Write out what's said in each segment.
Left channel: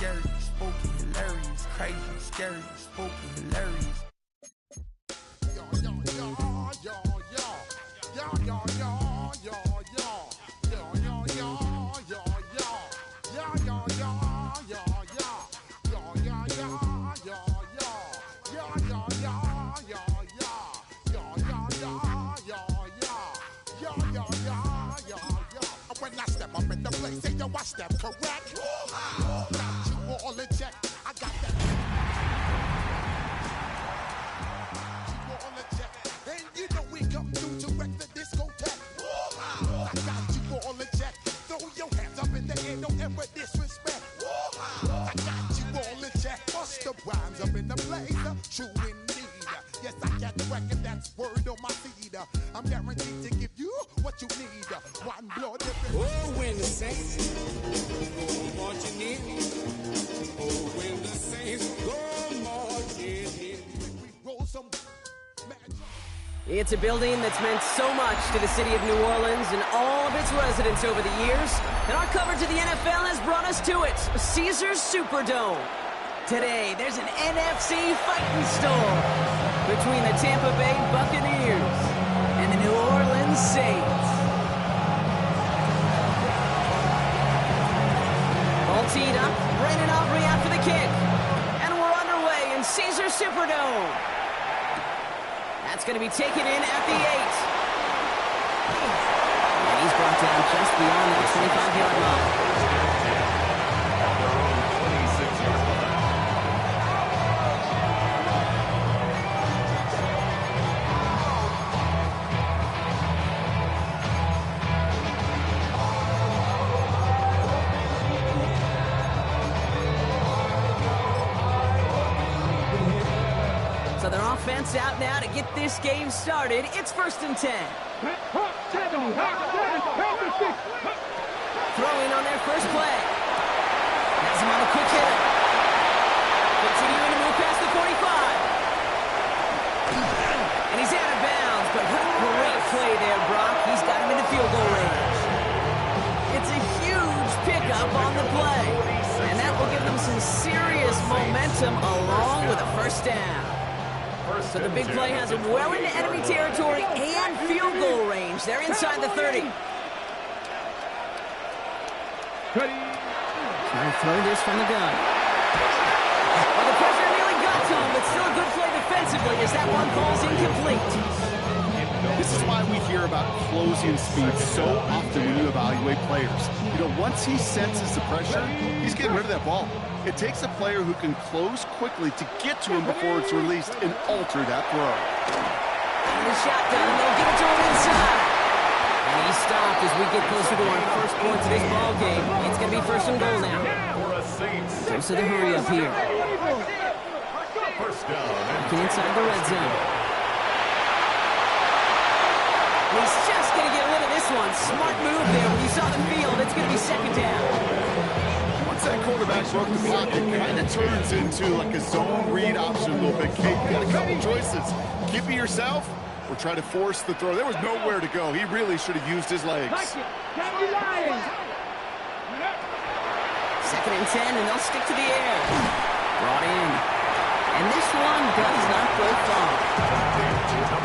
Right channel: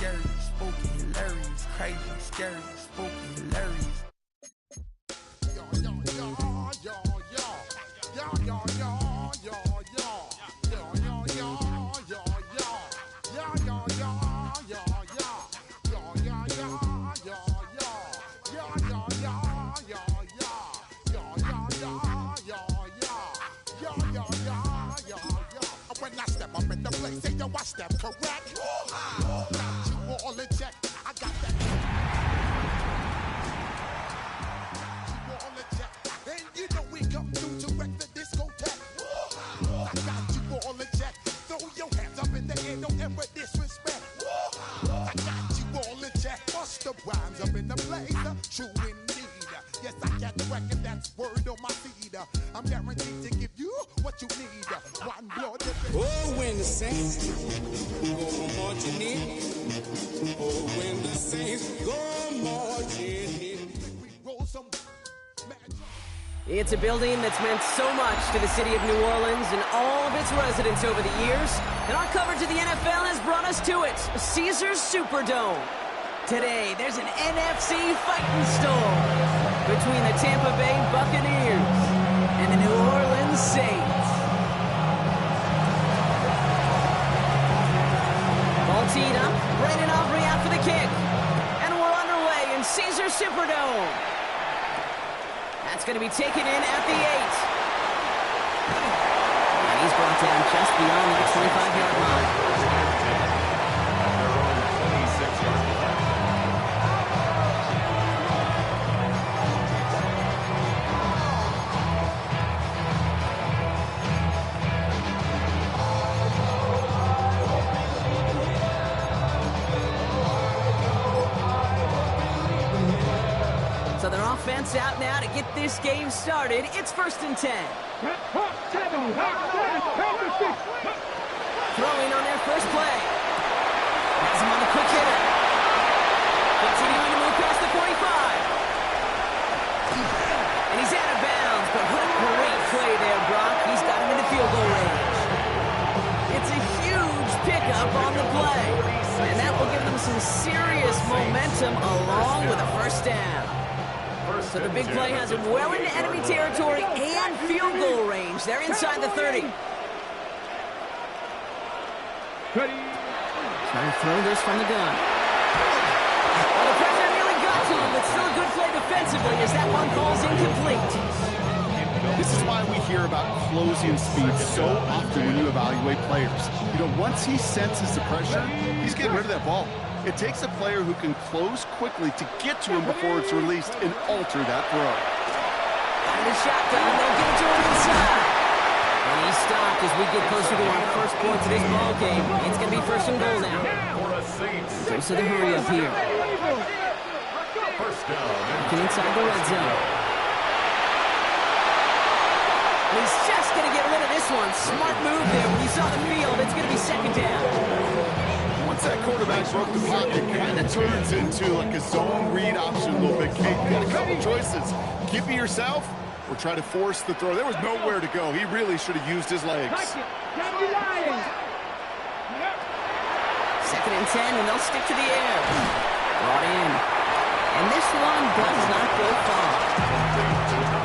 scary, spooky, hilarious, crazy, scary, spooky, hilarious. When I step up in the place, say yo, I step correct. Got you all in check. I got that. You all in check. And you know we come through to wreck the discotheque. I got you all in check. Throw your hands up in the air, don't ever disrespect. I got you all in check. Bust the rhymes up in the place. True indeed. Yes, I got the record, that's word on my feed. I'm guaranteed to give you what you need. One blood. Oh, when the saints go marching in. Oh, when the saints go marching in. We roll some It's a building that's meant so much to the city of New Orleans and all of its residents over the years. And our coverage of the NFL has brought us to it, Caesars Superdome. Today, there's an NFC fighting storm between the Tampa Bay Buccaneers and the New Orleans Saints. Ball teed up, Brandon Aubrey out for the kick. And we're underway in Caesars Superdome. That's going to be taken in at the 8. And he's brought down just beyond that 25-yard line. At their own 26-yard line. So their offense out now to get this game started. It's 1st and 10. Throwing on their first play. Has him on the quick hitter. Continuing to move past the 45. And he's out of bounds, but what a great play there, Brock. He's got him into field goal range. It's a huge pickup on the play. And that will give them some serious momentum along with a first down. So the big play has him well into enemy territory and field goal range. They're inside the 30. Trying to throw this from the gun. Well, the pressure nearly got to him, but still a good play defensively as that one falls incomplete. This is why we hear about closing speed so often when you evaluate players. You know, once he senses the pressure, he's getting rid of that ball. It takes a player who can close quickly to get to him before it's released and alter that throw. Out of the shotgun, they'll give it to him inside. And he's stopped as we get closer to our first points of this ball game. It's going to be 1st and goal now. Close to the hurry up here. First down. Looking inside the red zone. He's just going to get rid of this one. Smart move there when you saw the field. It's going to be 2nd down. Once that quarterback broke the pocket, it kind of turns into like a zone read option a little bit. Kate, you got a couple choices. Keep it yourself or try to force the throw. There was nowhere to go. He really should have used his legs. 2nd and 10, and they'll stick to the air. Brought in. And this one does not go far.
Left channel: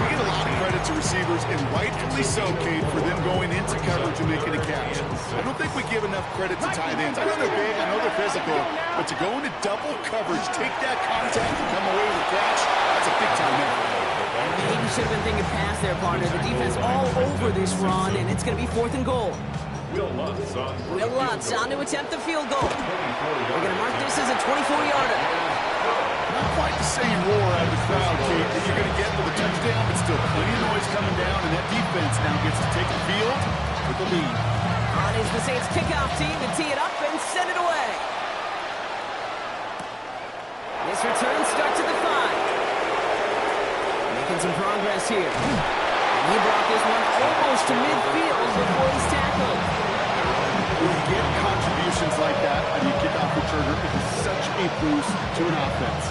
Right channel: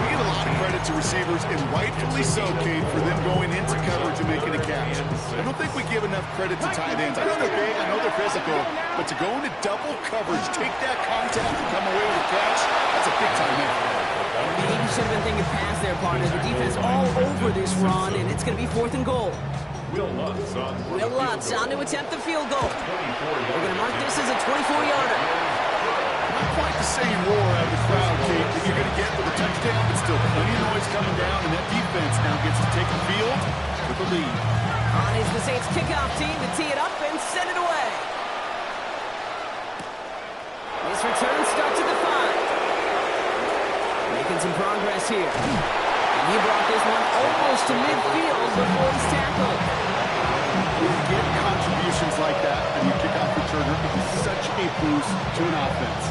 We give a lot of credit to receivers, and rightfully so, Kate, for them going into coverage and making a catch. I don't think we give enough credit to tight ends. I know they're big, I know they're physical, but to go into double coverage, take that contact and come away with a catch, that's a big-time effort. Maybe should have been thinking pass there, partner. The defense all over this run, and it's going to be 4th and goal. Will Lutz on to attempt the field goal. We're going to mark this as a 24-yarder. Not quite the same roar out of the crowd, Kate, that you're going to get with a touchdown, but still plenty of noise coming down, and that defense now gets to take the field with the lead. On is the Saints kickoff team to tee it up and send it away. This return starts at the 5. Making some progress here. And he brought this one almost to midfield before he's tackled. When you get contributions like that and you kick off returner, it is such a boost to an offense.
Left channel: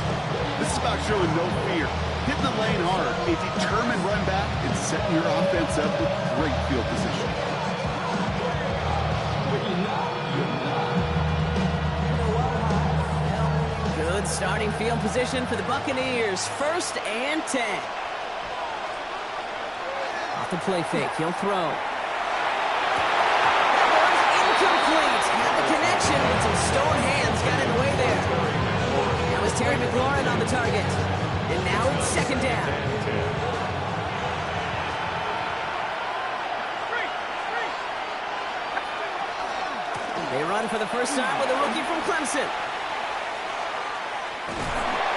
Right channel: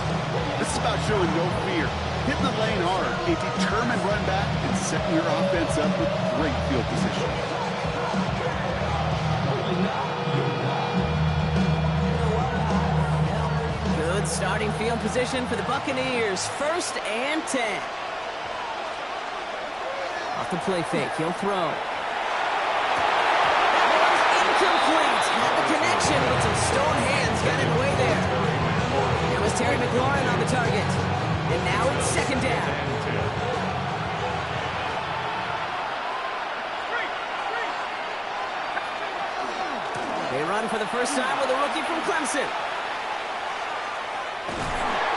This is about showing no fear, hitting the lane hard, a determined run back, and setting your offense up with great field position. Starting field position for the Buccaneers. 1st and 10. Off the play fake. He'll throw. That one's incomplete. Had the connection, but some stone hands got in the way there. That was Terry McLaurin on the target. And now it's 2nd down. They run for the first time with a rookie from Clemson.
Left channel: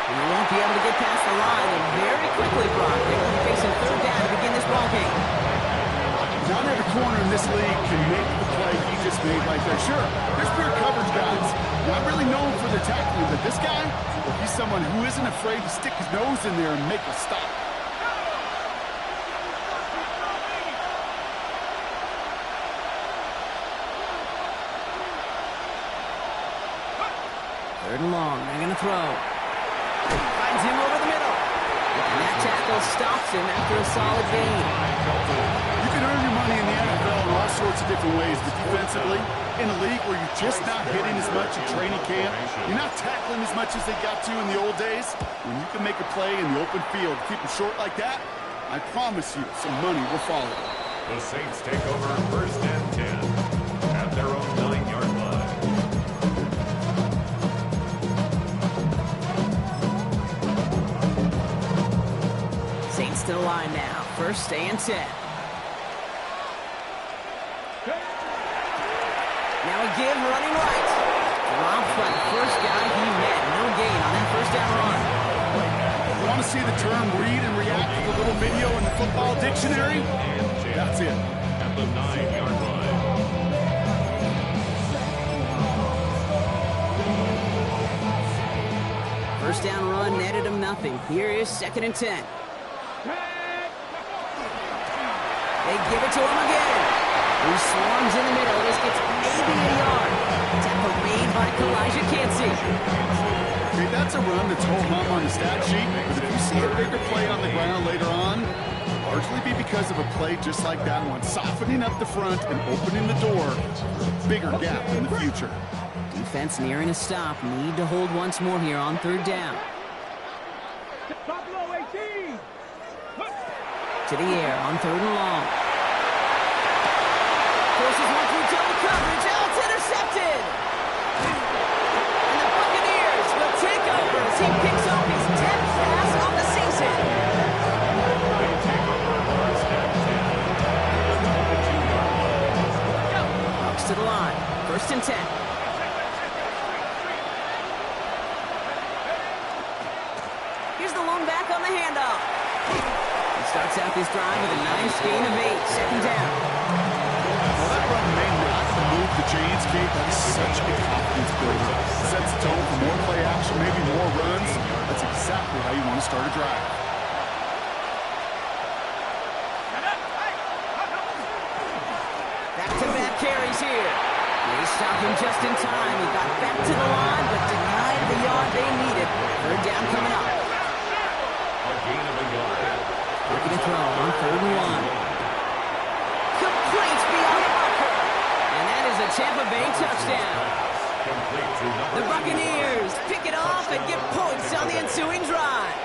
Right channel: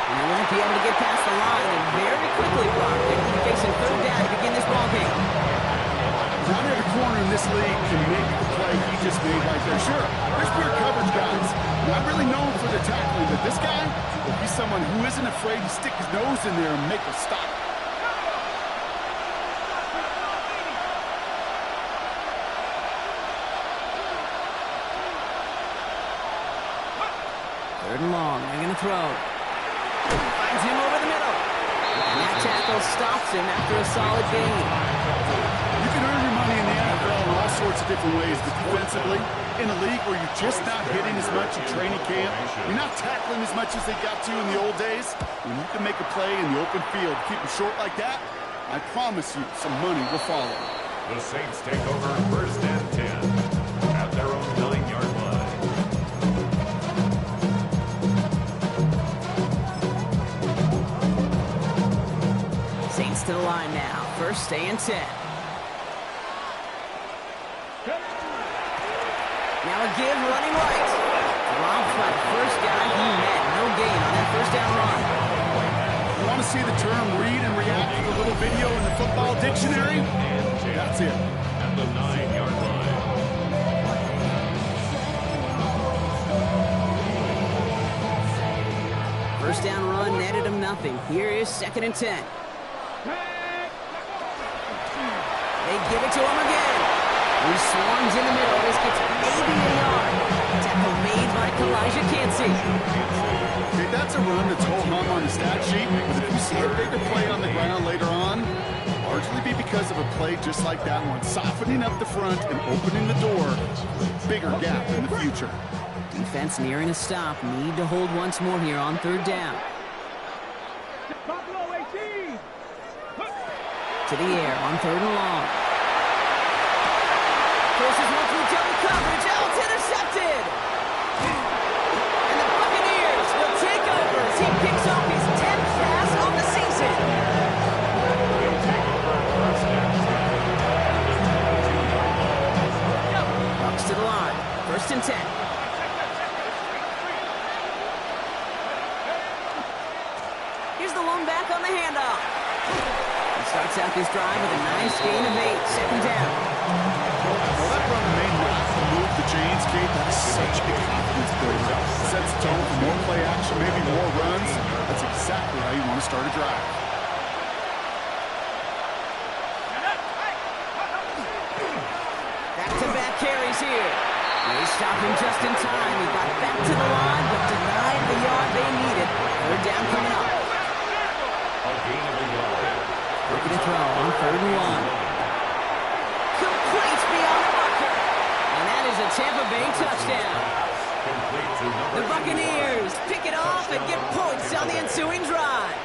And they won't be able to get past the line, and very quickly, Brock, they're going to be facing 3rd down to begin this ballgame. Not every corner in this league can make the play he just made right there. Sure, there's pure coverage guys. Not really known for their tackling, but this guy, well, he's someone who isn't afraid to stick his nose in there and make a stop. Third and long. They're going to throw. Finds him over the middle. And that tackle stops him after a solid gain. You can earn your money in the NFL in all sorts of different ways, but defensively, in a league where you're just not hitting as much in training camp, you're not tackling as much as they got to in the old days, when you can make a play in the open field, keep them short like that, I promise you some money will follow. The Saints take over 1st and 10 at their own 9-yard line. Saints to the line now. 1st and 10. Now a give running right. Dropped by the first guy he met. No gain on that 1st down run. You want to see the term read and react to the little video in the football dictionary? That's it. At the 9-yard line. First down run netted him nothing. Here is 2nd and 10. They give it to him again. He swarms in the middle. This gets maybe a yard. Tackle made by Kalijah Cansey. Okay, that's a run that's ho-hum on the stat sheet, but if you see a bigger play on the ground later on, largely be because of a play just like that one, softening up the front and opening the door for a bigger gap in the future. Defense nearing a stop. Need to hold once more here on 3rd down. To the air on 3rd and long. Forces one through double coverage. Oh, it's intercepted. And the Buccaneers will take over as he picks up his 10th pass on the season. They take over 1st and 10 at the 22-yard line. Bucs to the line. 1st and 10. Here's the lone back on the handoff. He starts out this drive with a nice gain of 8. 2nd down. Well, that run may not move the chains, Kate. That is such a confidence builder. Sets the tone for more play action, maybe more runs. That's exactly how you want to start a drive. Back-to-back carries here. They stopped him just in time. He got back to the line, but denied the yard they needed. 3rd down coming up. A gain of a yard. Looking to throw on 3rd and 1. Complete beyond the marker. And that is a Tampa Bay touchdown. Complete to number The Buccaneers pick it off and get points on the ensuing drive.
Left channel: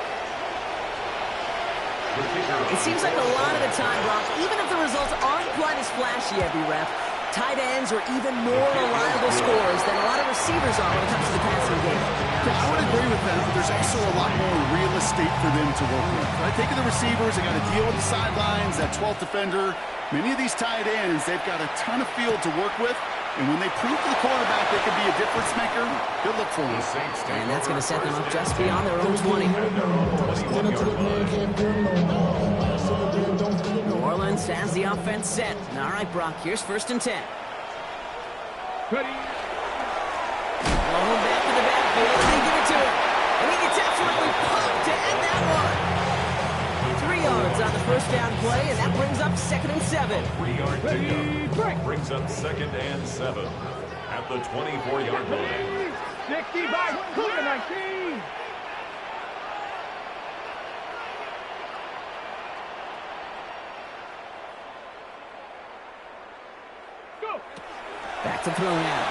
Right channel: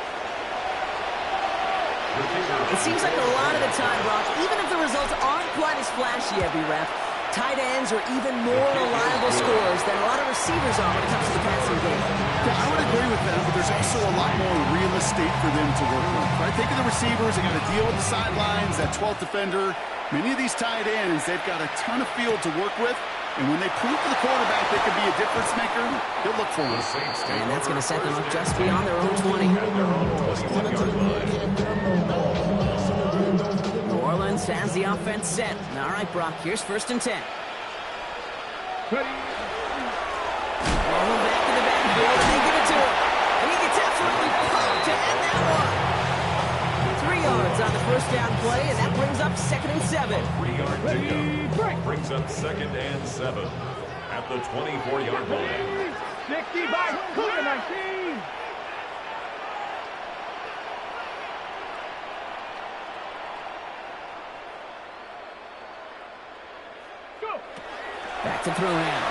It seems like a lot of the time, Brock, even if the results aren't quite as flashy every rep, tight ends are even more reliable scorers than a lot of receivers are when it comes to the passing game. Yeah, I would agree with that, but there's also a lot more real estate for them to work with, right? Think of the receivers. They got to deal with the sidelines, that 12th defender. Many of these tight ends, they've got a ton of field to work with, and when they prove to the quarterback they can be a difference maker, he'll look for them. And that's going to set them up just beyond their own 20. New Orleans has the offense set. All right, Brock, here's 1st and 10. Thrown back to the backfield, and they give it to him. And he gets absolutely pumped to end that one. 3 yards on the first down play, and that brings up 2nd and 7. 3-yard pickup brings up 2nd and 7 at the 24-yard line. 60 by 19. Go. Back to throw now.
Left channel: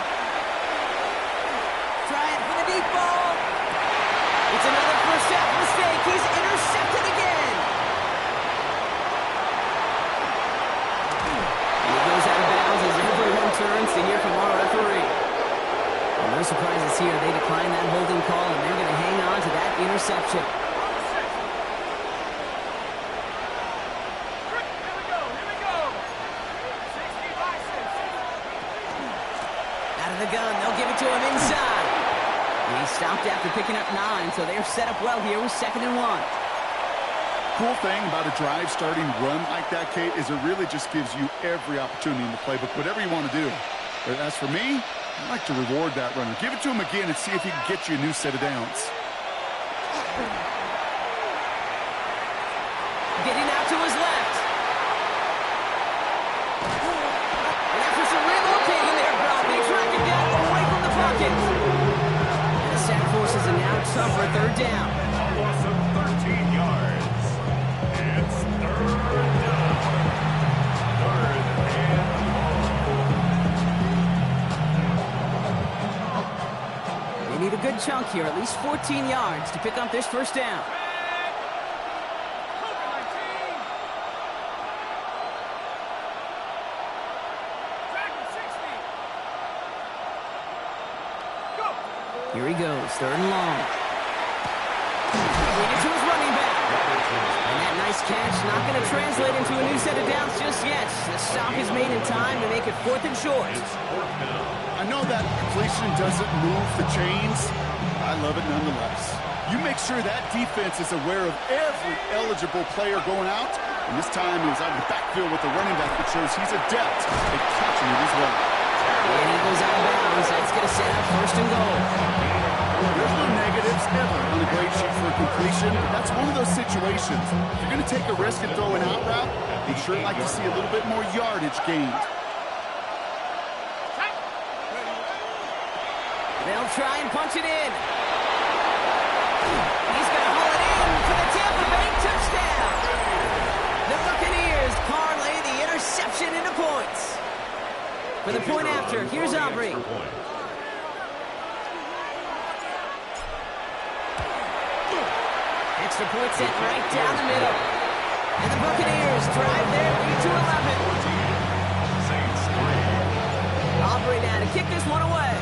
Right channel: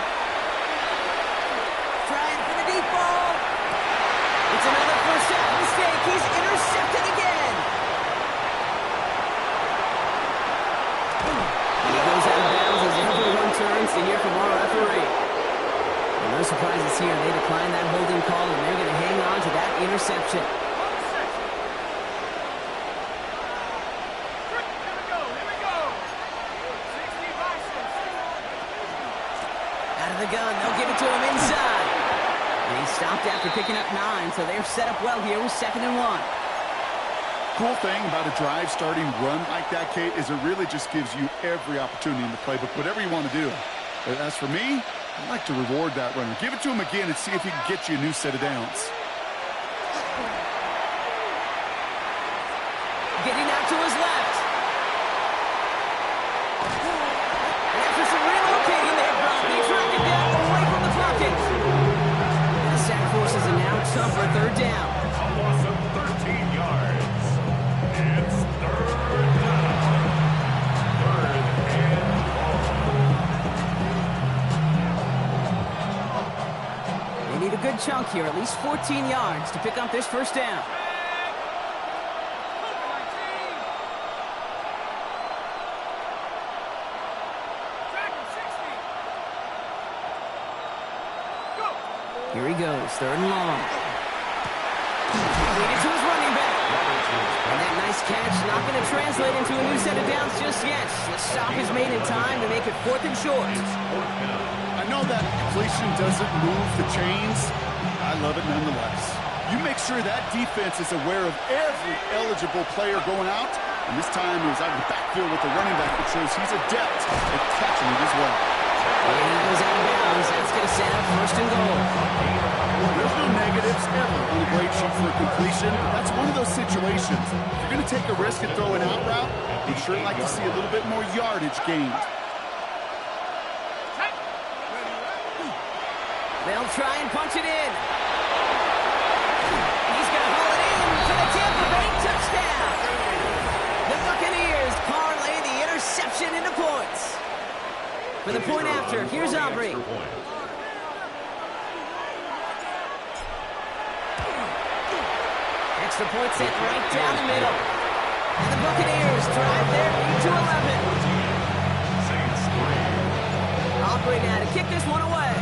Trying for the deep ball. It's another first half mistake. He's intercepted again. And he goes out of bounds as everyone turns to hear from our referee. Well, no surprises here. They decline that holding call, and they're going to hang on to that interception. Out of the gun, they'll give it to him inside. And he stopped after picking up 9, so they're set up well here with 2nd and 1. Cool thing about a drive starting run like that, Kate, is it really just gives you every opportunity in the playbook, whatever you want to do. But as for me, I like to reward that runner. Give it to him again and see if he can get you a new set of downs. Getting out to his left. And after some relocating there, Brock, they track him down away from the pocket. And the sack forces a now tougher 3rd down. A loss of 13 yards. It's 3rd down. 3rd and long. They need a good chunk here, at least 14 yards to pick up this 1st down. Here he goes, 3rd and long. Lead it to his running back. And that nice catch not going to translate into a new set of downs just yet. The stop is made in time to make it 4th and short. I know that completion doesn't move the chains. I love it nonetheless. You make sure that defense is aware of every eligible player going out. And this time it was out of the backfield with the running back that shows he's adept at catching it as well. And he goes out of bounds. That's going to set up 1st and goal. There's no negatives ever on a grade sheet for a completion. That's one of those situations. If you're going to take a risk and throw an out route, you'd sure like to see a little bit more yardage gained. They'll try and punch it in. He's going to haul it in for the Tampa Bay touchdown. The Buccaneers parlay the interception into points. For the point after, here's Aubrey. Extra point sent right down the middle. And the Buccaneers drive their lead to 11. Aubrey now to kick this one away.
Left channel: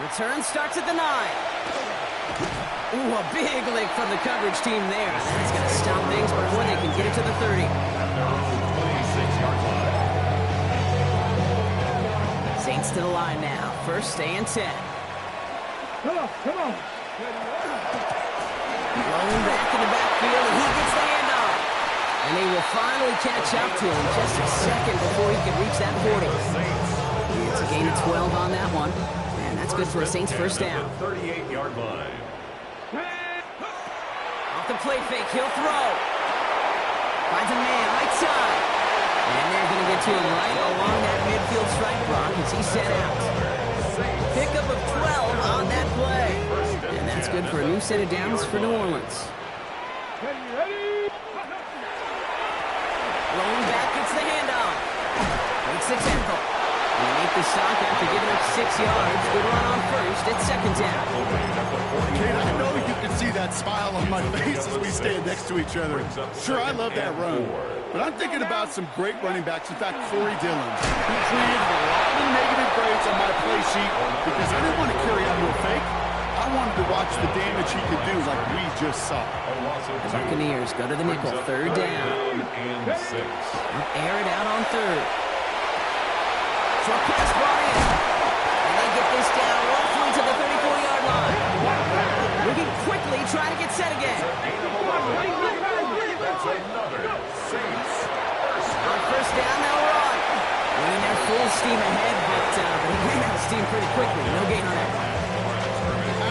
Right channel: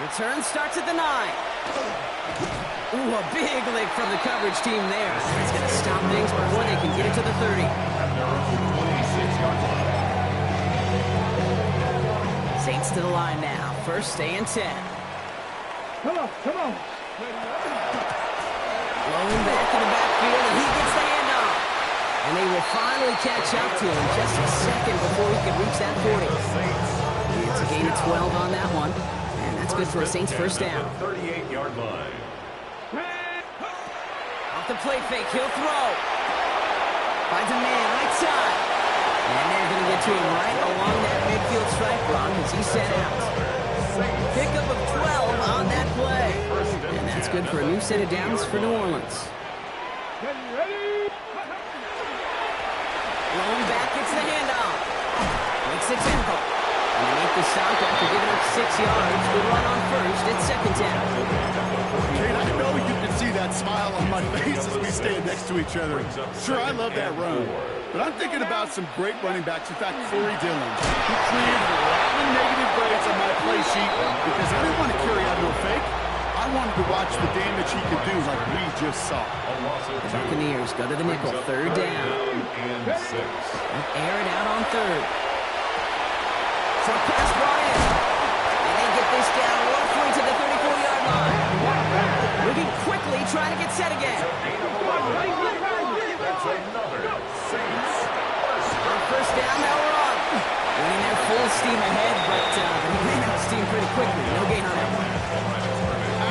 Return starts at the 9. Ooh, a big lick from the coverage team there. That's going to stop things before they can get it to the 30. At their own 26-yard line. Saints to the line now. 1st and 10. Come on, come on. Blowing back in the backfield, and he gets the handoff. And they will finally catch up to him just a second before he can reach that 40. It's a gain of 12 on that one. And that's good for a Saints 1st down. 38-yard line. Off the play fake, he'll throw. Finds a man right side. And they're going to get to him right along that midfield stripe, Brock, as he's set out. Pickup of 12 on that play. And that's good for a new set of downs for New Orleans. Ready? Rolling back, gets the handoff. Makes the tempo. And they make the stop after giving up 6 yards. Good run on 1st. It's 2nd down. Kate, I know you can see that smile on my face as we stand next to each other. Sure, I love that run. But I'm thinking about some great running backs. In fact, Corey Dillon, who created a lot of negative grades on my play sheet because I didn't want to carry out no fake. I wanted to watch the damage he could do like we just saw. The Buccaneers go to the nickel. 3rd down. And 6. Air it out on 3rd. Short pass brought in. And they get this down roughly to the 34-yard line. Moving quickly, trying to get set again. That's another Saints On 1st down, they'll run. Winning their full steam ahead, but he ran out of steam pretty quickly. No gain on that one.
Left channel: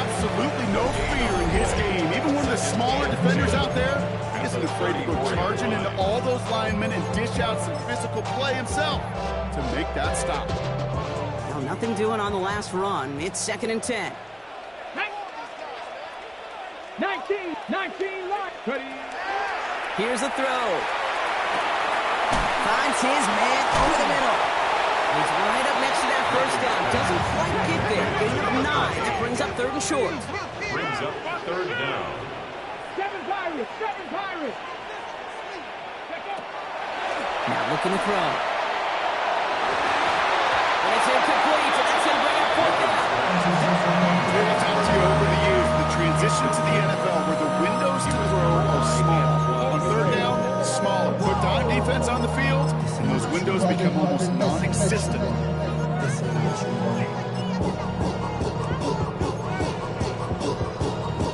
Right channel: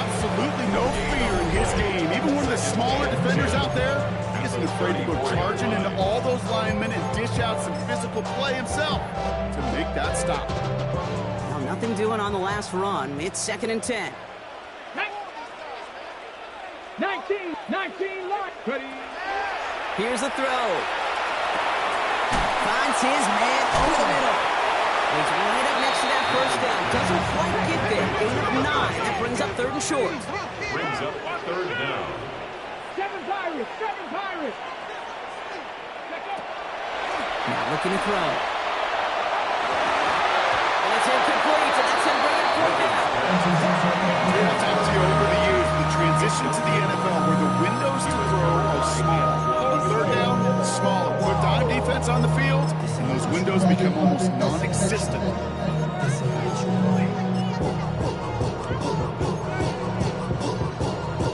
Absolutely no fear in his game. Even one of the smaller defenders out there, he isn't afraid to go charging into all those linemen and dish out some physical play himself to make that stop. Now nothing doing on the last run. It's 2nd and 10. 19, line. Ready? Here's a throw. Finds his man over the middle. He's right up next to that first down. Doesn't quite get there. Gain of 9. That brings up 3rd and short. Brings up 3rd down. 7 Pirates! 7 Pirates! Now looking to throw. And it's incomplete, and that's going to bring up 4th down. I've talked to you over the years, the transition to the NFL where the windows to throw are small. On 3rd down, smaller. Put dime defense on the field, and those windows become almost non-existent.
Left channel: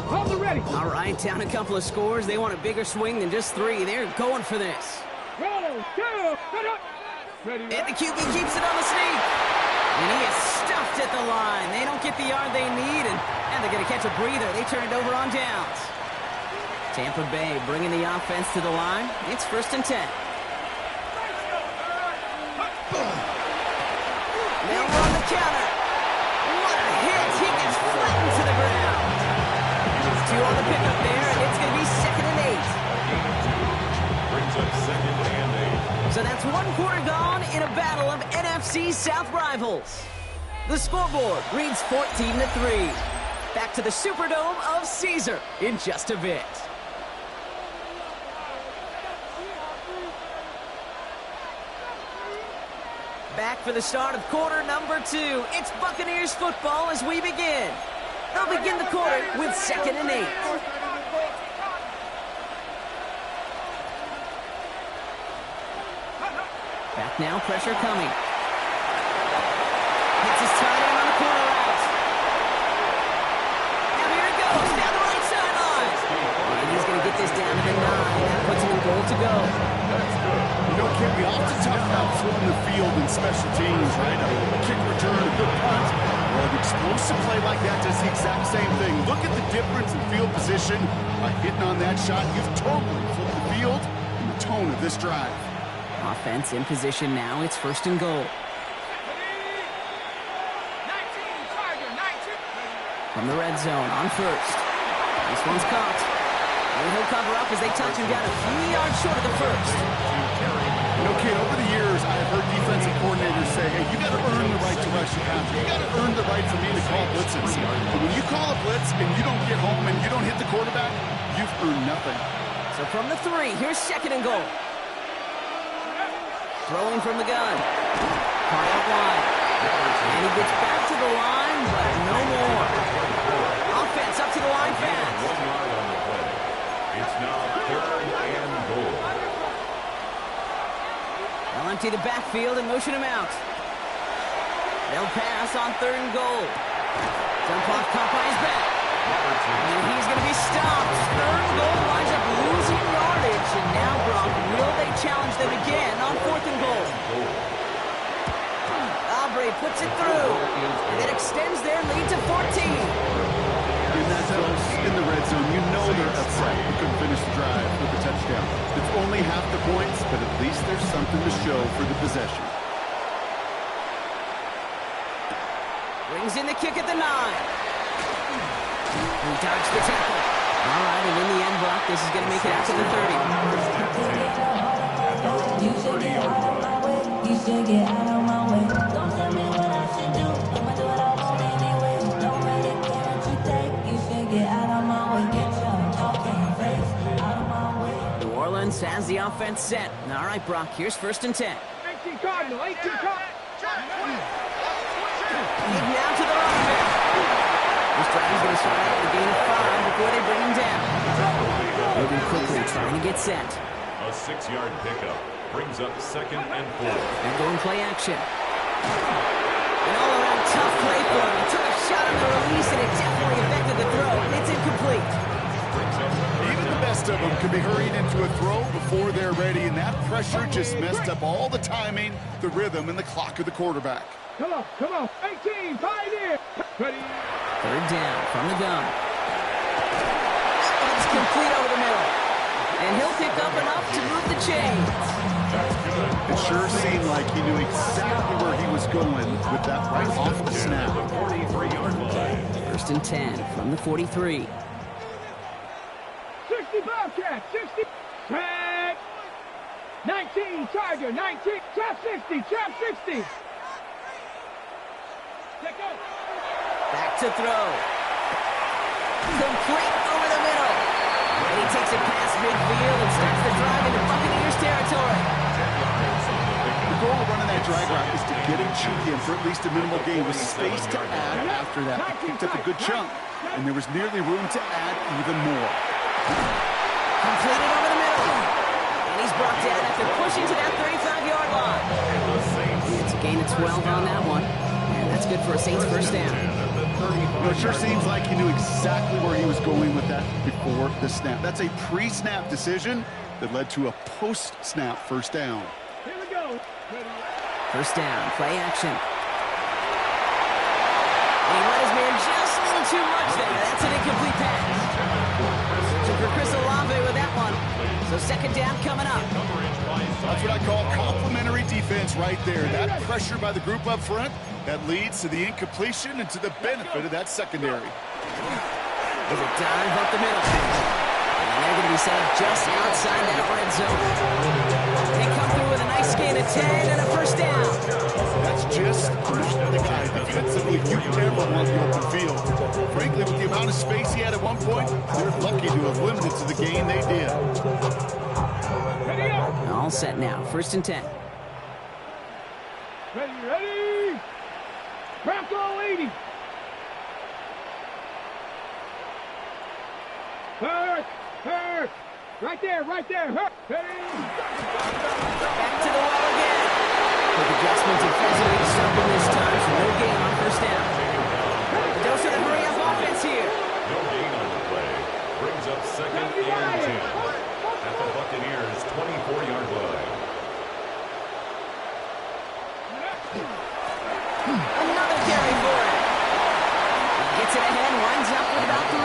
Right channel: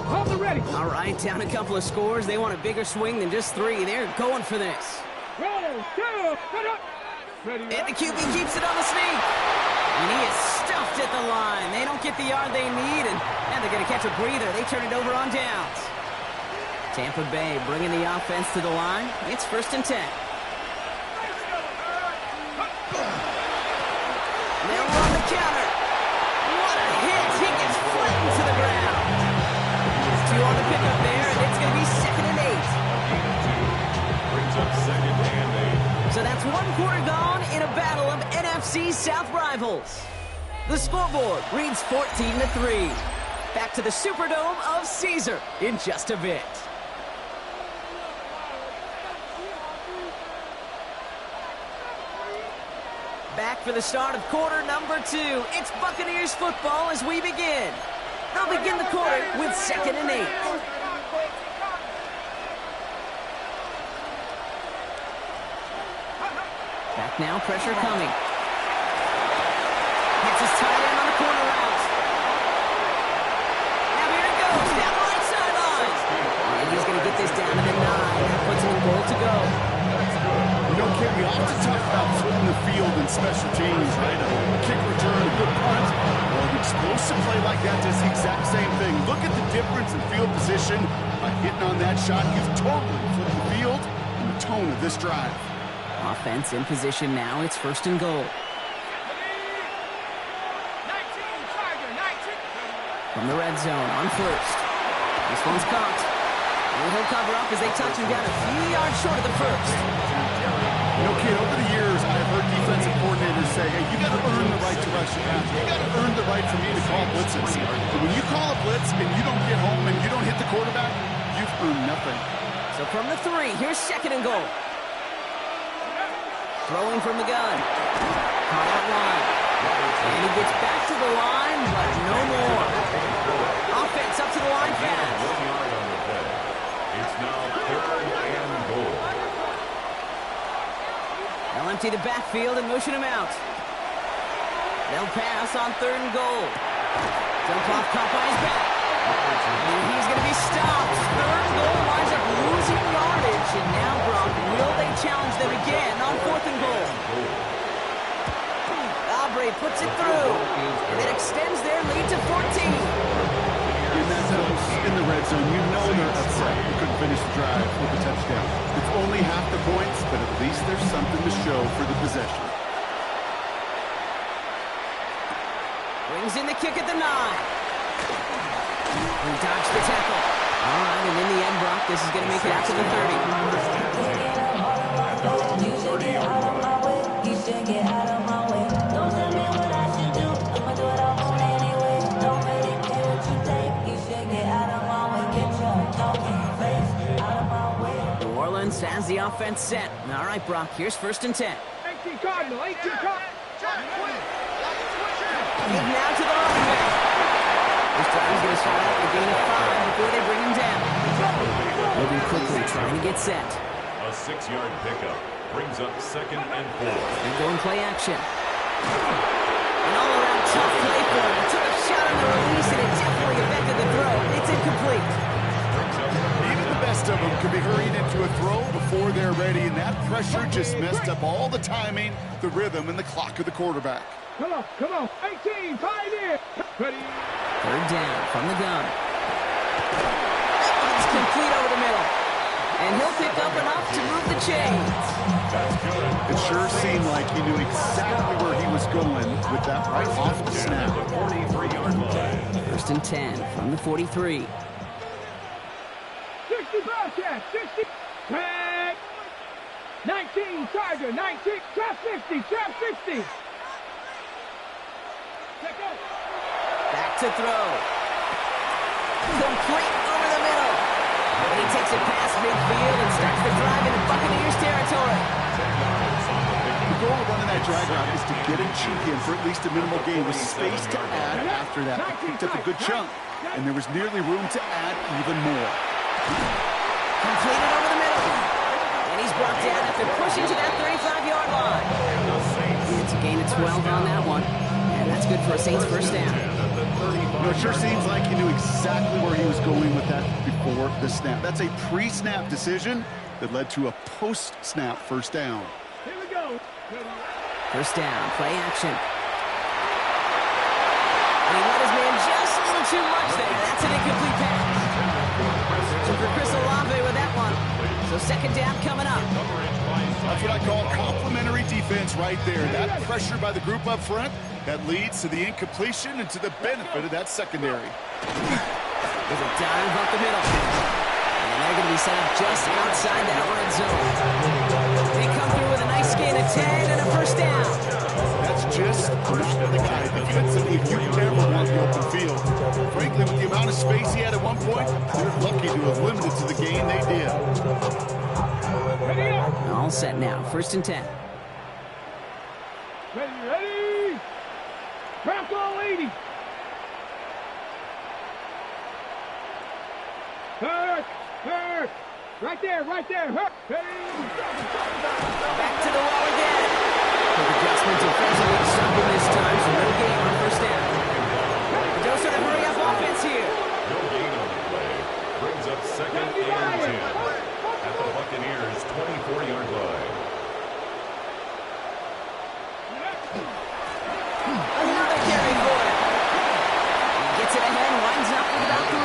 Hold the ready! All right, down a couple of scores. They want a bigger swing than just 3. They're going for this. Roll! 2! Ready! And the QB keeps it on the sneak. And he is stuffed at the line. They don't get the yard they need, and they're going to catch a breather. They turn it over on downs. Tampa Bay bringing the offense to the line. It's 1st and 10. They'll run the counter. What a hit. He gets flattened to the ground. 2 on the pickup there, and it's going to be 2nd and 8. A gain of 2. Brings up 2nd and 8. So that's 1 quarter gone in a battle of NFC South rivals. The scoreboard reads 14-3. Back to the Superdome of Caesar in just a bit. Back for the start of quarter number 2. It's Buccaneers football as we begin. They'll begin the quarter with 2nd and 8. Back now, pressure coming. Hits his tight end on the corner route. Now here he goes, down the right sideline. And he's going to get this down to the 9. That puts him in goal to go. You know, Kim, we often talk about flipping the field in special teams, right? A kick return, a good punt. Well, an explosive play like that does the exact same thing. Look at the difference in field position. By hitting on that shot, you've totally flipped the field and the tone of this drive. Offense in position now. It's 1st and goal. 19, Tiger, 19. From the red zone on 1st. This one's caught. And he'll cover up as they touch him down a few yards short of the 1st. You know, kid, over the years, I have heard defensive coordinators say, hey, you got to earn the right to rush your passer. You got to earn the right for me to call blitzes. But when you call a blitz and you don't get home and you don't hit the quarterback, you've earned nothing. So from the 3, here's 2nd and goal. Throwing from the gun. Caught out wide. And he gets back to the line, but no more. Offense up to the line fast. 1 yard on the play. It's now 3rd and goal. They'll empty the backfield and motion him out. They'll pass on 3rd and goal. Dump off, caught by his back. And he's going to be stopped. 3rd and goal winds up losing yardage. And now, Brock, will they challenge them again on 4th and goal? Aubrey puts it through. And it extends their lead to 14. In that close, in the red zone, you know they're upset. You couldn't finish the drive with a touchdown. It's only half the points, but at least there's something to show for the possession. Brings in the kick at the 9. He dodged the tackle. All right, and in the end, Brock, this is going to make it out to the 30. At their own 30-yard line. You should get out of my way. Don't tell me what I should do. I'ma do what I want anyway. Don't really care what you think. You should get out of my way. Get your talking face out of my way. New Orleans has the offense set. All right, Brock, here's 1st and 10. 18 Cardinal, 18 Cardinal. He's now to the running back. This drive is going to start out with a gain of 5 before they bring him down. Moving quickly, trying to get set. A 6-yard pickup brings up 2nd and 4. And going play action. An all-around tough play for him. He took a shot on the release, and it definitely affected the throw. It's incomplete. Even the best of them could be hurried into a throw before they're ready, and that pressure just messed up all the timing, the rhythm, and the clock of the quarterback. Come on, come on. 18, Pioneer. Ready. 3rd down from the gun. It's complete over the middle. And he'll pick up enough to move the chains. That's good. It sure seemed like he knew exactly where he was going with that right off the snap. The 43-yard line. 1st and 10 from the 43. 60 Bobcat, 60. Tag. 19 Tiger, 19. Trap 60, trap 60. Back to throw. Complete over the middle. And he takes it past midfield and starts the drive into Buccaneers territory. 10 yards on the pickup. The goal of running that drag route is to get him cheeky in for at least a minimal gain with space to add after that. He picked up a good chunk, and there was nearly room to add even more. Completed over the middle. And he's brought down after pushing to that 35-yard line. It's a gain of 12 on that one. And that's good for a Saints first down. It sure seems like he knew exactly where he was going with that before the snap. That's a pre-snap decision that led to a post-snap first down. Here we go. First down, play action. And he let his man just a little too much there. That's an incomplete pass. Searching for Chris Olave with that one. So second down coming up. That's what I call complimentary defense right there. That pressure by the group up front, that leads to the incompletion and to the benefit of that secondary. There's a dive up the middle. And they're going to be set up just outside that red zone. They come through with a nice gain of 10 and a first down. That's just not the guy defensively you ever want the open field. Frankly, with the amount of space he had at one point, they're lucky to have limited to the gain they did. All set now. First and 10. Ready. Bronco 80. Hurt. Right there. Hurt. Back to the well again. Quick adjustment defensively to stop him this time, so no gain on first down. The dose of the hurry-up offense here. No gain on the play. Brings up second and 10 at the Buccaneers' 24-yard line. Another carry for him. He gets it ahead, winds up with about 3.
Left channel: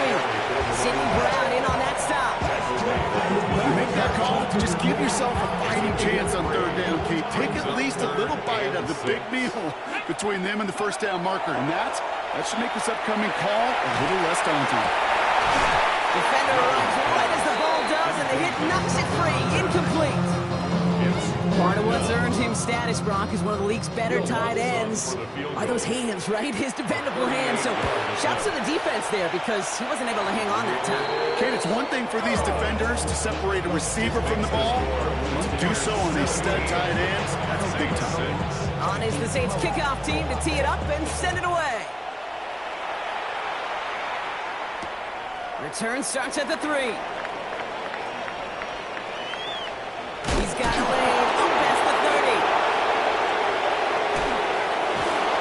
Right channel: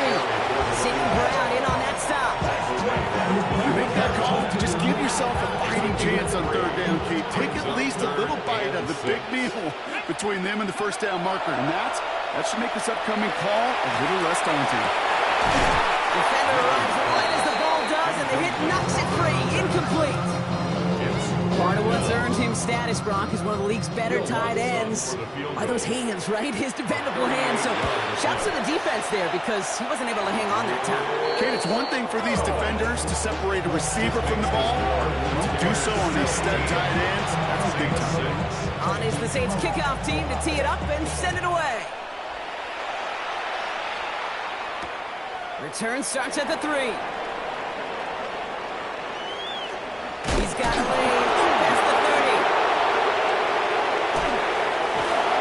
Sidney Brown in on that stop. You make that call to just give yourself a fighting chance on third down, Kate. Take at least a little bite of the big meal between them and the first down marker. And that should make this upcoming call a little less daunting. Defender arrives right as the ball does, and the hit knocks it free. Incomplete. Part of what's earned him status, Brock, is one of the league's better tight ends. Are those hands, right? His dependable hands. So shouts to the defense there because he wasn't able to hang on that time. Kate, it's one thing for these defenders to separate a receiver from the ball. To do so on a stud tight end, that's big time. On is the Saints kickoff team to tee it up and send it away. Return starts at the 3. He's got a lane past the 30.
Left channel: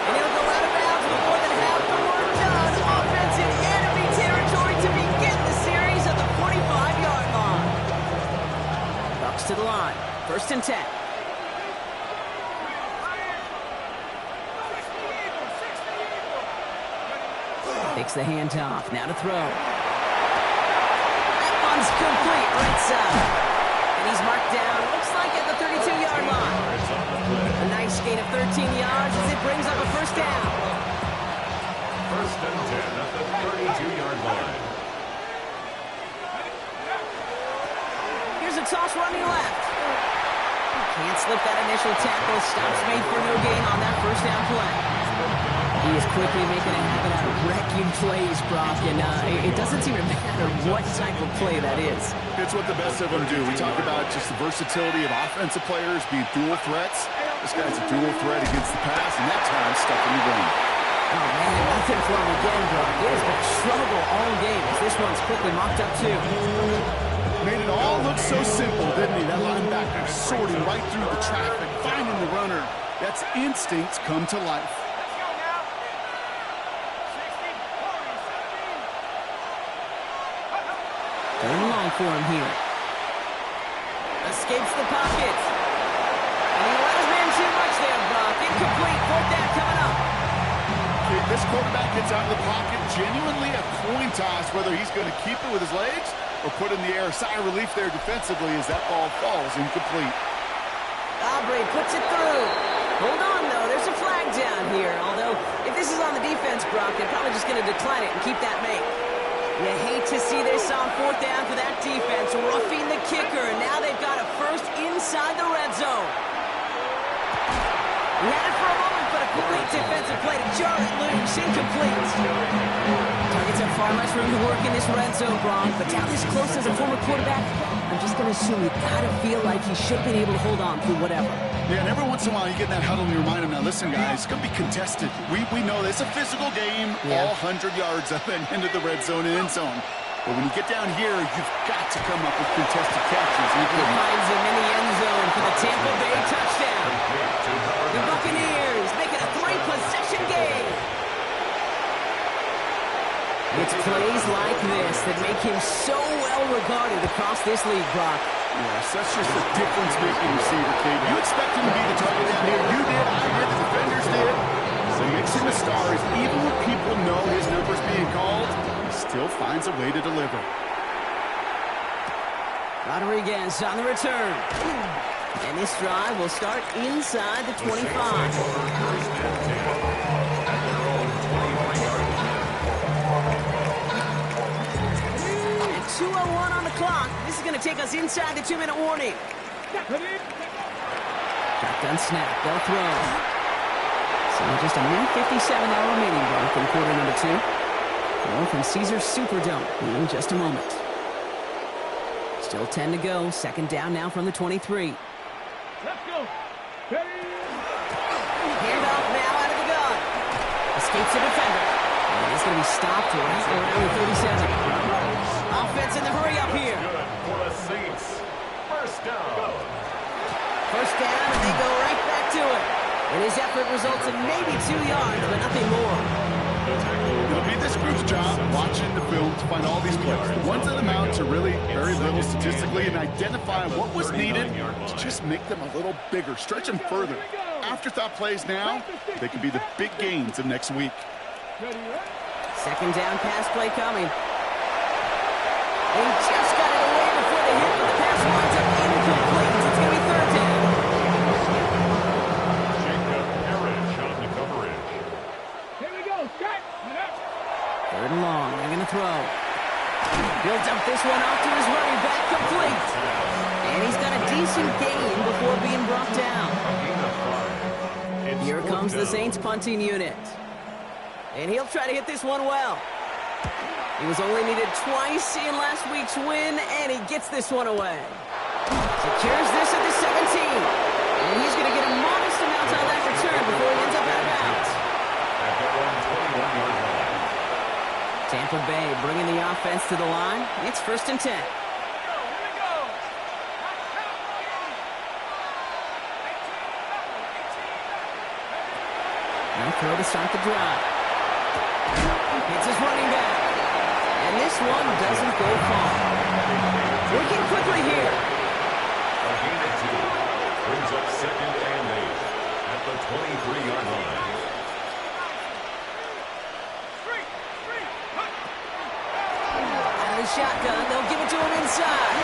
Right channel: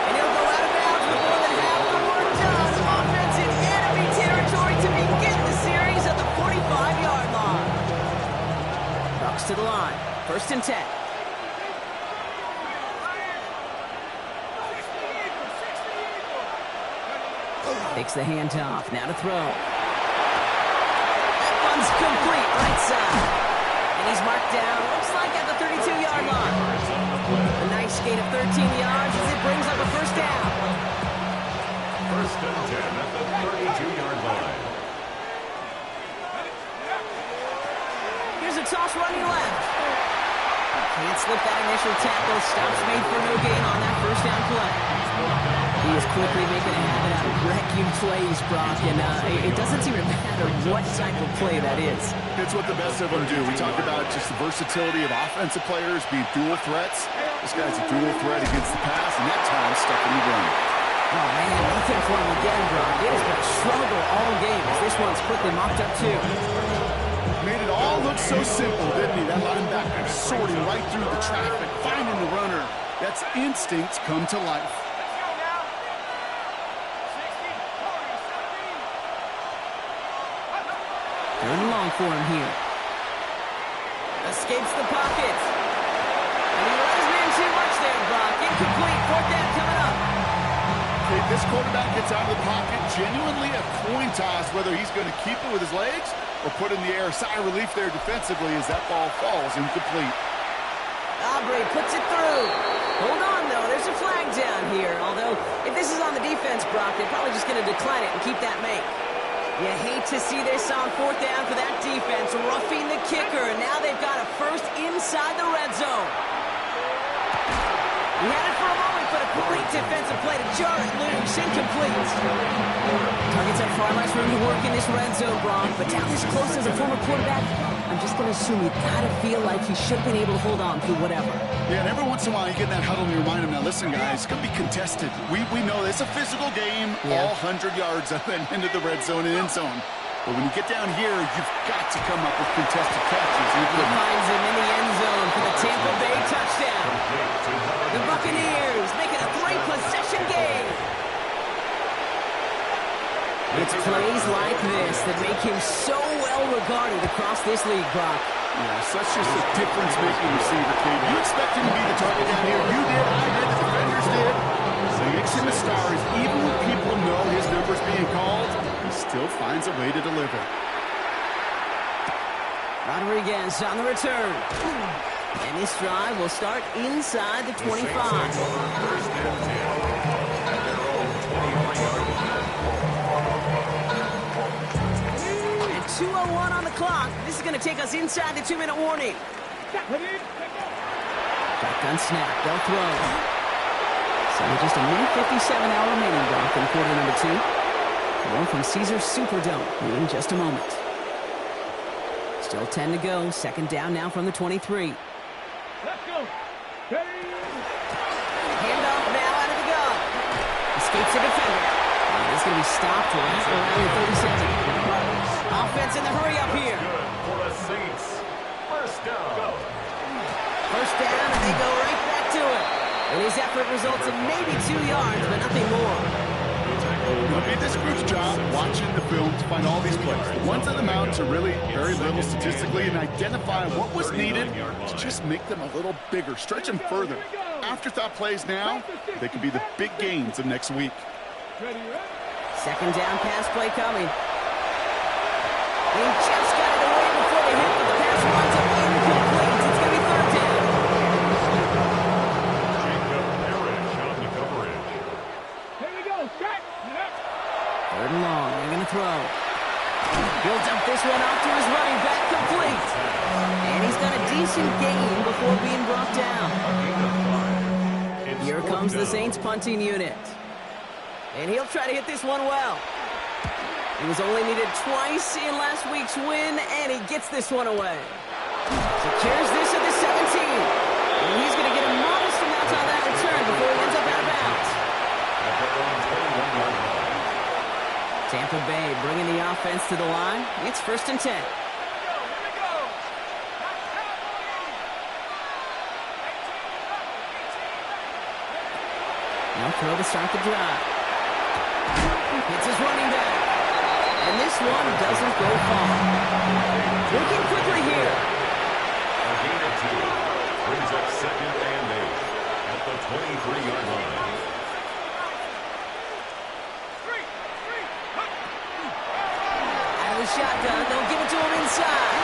And he'll go out of bounds with more than half the work done. Offense in enemy territory to begin the series at the 45-yard line. Bucs to the line. First and 10. Takes the handoff. Now to throw. That one's complete right side. And he's marked down, looks like at the 32-yard line. A nice gain of 13 yards as it brings up a first down. First and 10 at the 32-yard line. Here's a toss running left. Can't slip that initial tackle. Stops made for no gain on that first down play. He is quickly making a habit out of wrecking plays, Brock, and it doesn't seem to matter what type of play that is. It's what the best of them do. We talked about just the versatility of offensive players being dual threats. This guy's a dual threat against the pass, and that time stuffing the run. Oh, man, nothing for him again, Brock. It has been a struggle all game as this one's quickly mocked up, too. Made it all look so simple, didn't he? That linebacker sorting right through the traffic, finding the runner. That's instincts come to life. Third and long for him here. Escapes the pocket. And he let his man too much there, Brock. Incomplete. Fourth down coming up. Okay, this quarterback gets out of the pocket. Genuinely a coin toss whether he's going to keep it with his legs or put in the air. Sigh of relief there defensively as that ball falls incomplete. Aubrey puts it through. Hold on, though. There's a flag down here. Although, if this is on the defense, Brock, they're probably just going to decline it and keep that make. You hate to see this on fourth down for that defense, roughing the kicker, and now they've got a first inside the red zone. He had it for a moment but a great defensive play to jar it loose. Incomplete. Targets have far less room to work in this red zone, Brock, but down this close as a former quarterback, I'm just going to assume you got to feel like he should have been able to hold on through whatever. Yeah, and every once in a while you get in that huddle and you remind him, now listen, guys, it's going to be contested. We know it's a physical game, all 100 yards up and into the red zone and end zone. But when you get down here, you've got to come up with contested catches. He finds him in the end zone for the Tampa Bay touchdown. The Buccaneers make it a 3-possession game. It's plays like this that make him so well regarded across this league, Brock. Yeah, such just a difference-making receiver, Kate. You expect him to be the target down here. You did, I did, the defenders did. So he makes him a star. Even when people know his number's being called, he still finds a way to deliver. Rodriguez on the return. And this drive will start inside the 25. First and 10 at their own 23-yard line. And 2:01 on the clock. This is going to take us inside the 2-minute warning. Shotgun snap. They'll throw. So just a minute 57 now remaining, Brock, in quarter number 2. More from Caesars Superdome in just a moment. Still 10 to go. Second down now from the 23. Let's go. Handoff now out of the gun. Escapes the defender. And he's going to be stopped right around the 37. Offense in the hurry up here. Good for the Saints. First down. First down, and they go right back to it. And his effort results in maybe 2 yards, but nothing more. It'll be this group's job watching the film to find all these plays. The ones that amount to really very little statistically and identify what was needed to just make them a little bigger, stretch them further. Afterthought plays now, they could be the big gains of next week. Second down pass play coming. They just got it away before they hit, but the pass winds up incomplete. It's going to be third down. Third and long. They're going to throw. Builds up this one off to his running back, complete. And he's got a decent gain before being brought down. Here comes the Saints punting unit. And he'll try to hit this one well. He was only needed twice in last week's win, and he gets this one away. Secures this at the 17. And he's going to get a modest amount on that return before he ends up out of bounds. At their own 21-yard line. Tampa Bay bringing the offense to the line. It's first and 10. No throw to start the drive. Hits his running back. And this one doesn't go far. Looking quickly here. A gain of 2. Brings up second and 8 at the 23-yard line. The shotgun, they'll give it to him inside.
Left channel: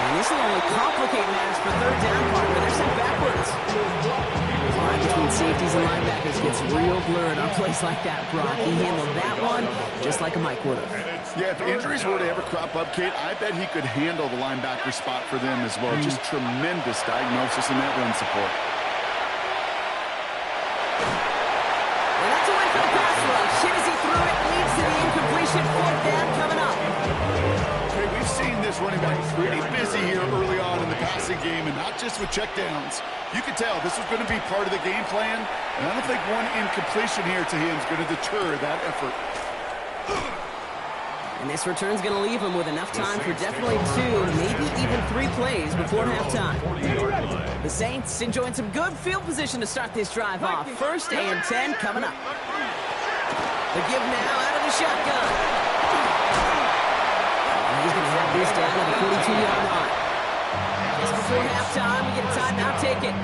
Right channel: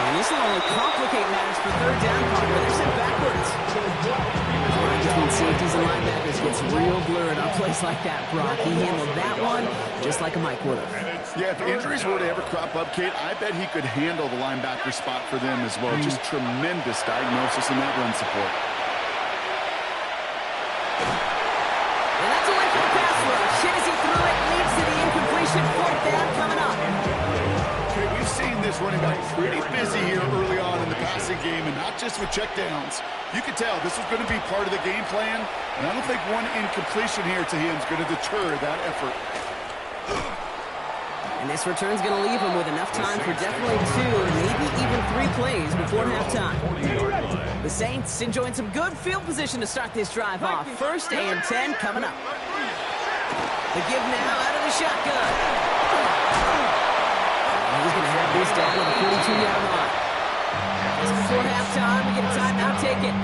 And this will only complicate matters for third down, partner. They're sent backwards. The line between safeties and linebackers gets real blurred on plays like that, Brock. He handled that one just like a Mike would have. Yeah, if injuries were to ever crop up, Kate, I bet he could handle the linebacker spot for them as well. Just tremendous diagnosis in that run support. And that's a win for the pass rush. Hit as he threw it, leads to the incompletion. Fourth down coming up. Okay, we've seen this running back pretty busy here early on in the passing game, and not just with checkdowns. You could tell this was going to be part of the game plan, and I don't think one incompletion here to him is going to deter that effort. And this return's going to leave him with enough time for definitely 2, maybe even 3 plays before halftime. The Saints enjoying some good field position to start this drive off. First and 10 coming up. The give now out of the shotgun. And he's going to have this down at the 42-yard line. Just before halftime, we get a timeout. Take it.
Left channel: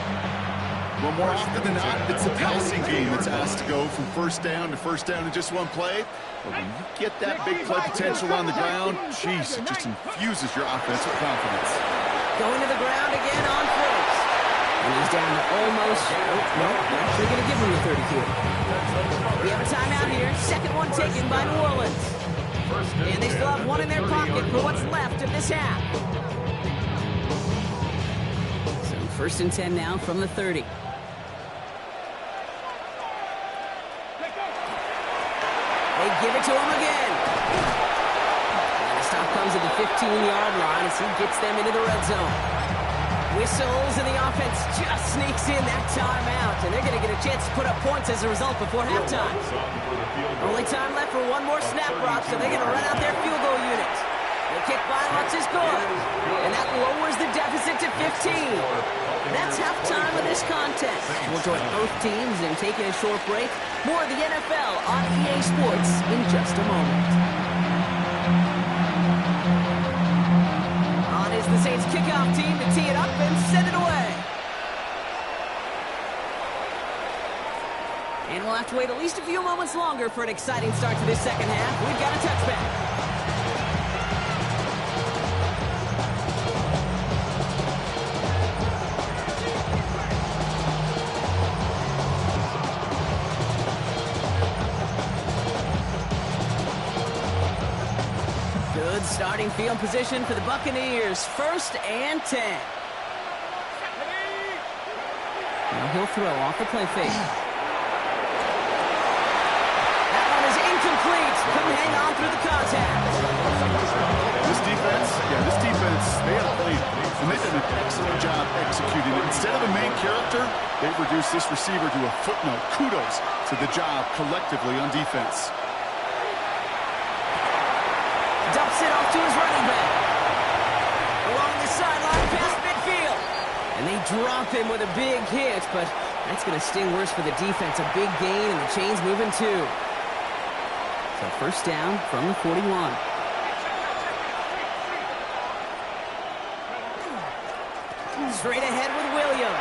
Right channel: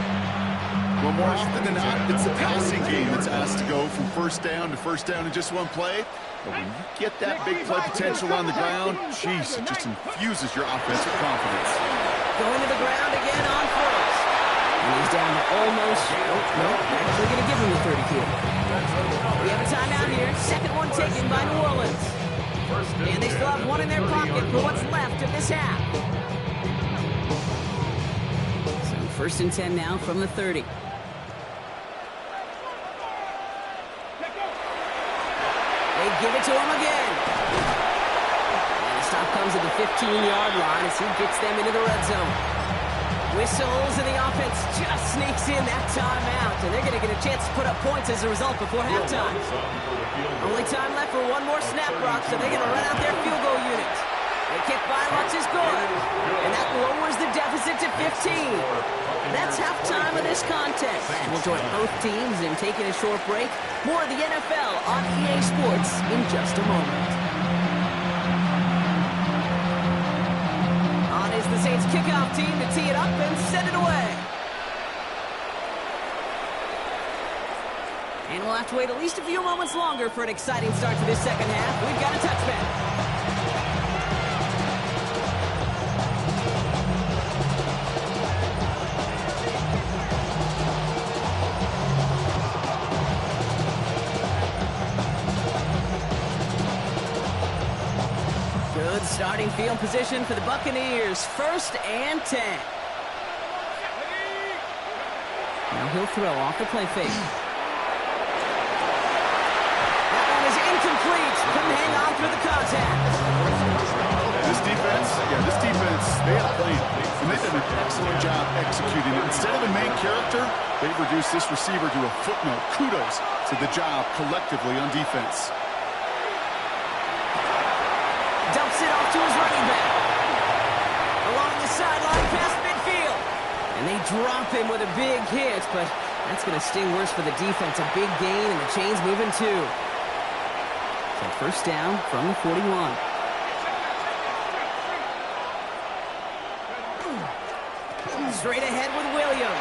Well, more often than not, it's the passing game that's asked to go from first down in just one play. But when you get that big play potential on the ground, geez, it just infuses your offense with confidence. Going to the ground again on first. And he's down to almost, actually going to give him the 30 here. We have a timeout here. Second one taken by New Orleans. And they still have one in their pocket for what's left of this half. So first and 10 now from the 30. They give it to him again. And the stop comes at the 15-yard line as he gets them into the red zone. Whistles, and the offense just sneaks in that timeout, and they're going to get a chance to put up points as a result before halftime. Only time left for one more snap, Brock, so they're going to run out their field goal unit. The kick by Lutz is good, and that lowers the deficit to 15. That's halftime of this contest. We'll join both teams in taking a short break. More of the NFL on EA Sports in just a moment. On is the Saints kickoff team to tee it up and send it away. And we'll have to wait at least a few moments longer for an exciting start to this second half. We've got a touchback. Good starting field position for the Buccaneers. 1st and 10. Now he'll throw off the play fake. That one is incomplete. Couldn't hang on through the contact. This defense, they had a plan. And they've done an excellent job executing it. Instead of a main character, they've reduced this receiver to a footnote. Kudos to the job collectively on defense. Dumps it off to his running back. Along the sideline, past midfield. And they drop him with a big hit, but that's going to sting worse for the defense. A big gain, and the chain's moving too. So 1st down from the 41. Straight ahead with Williams.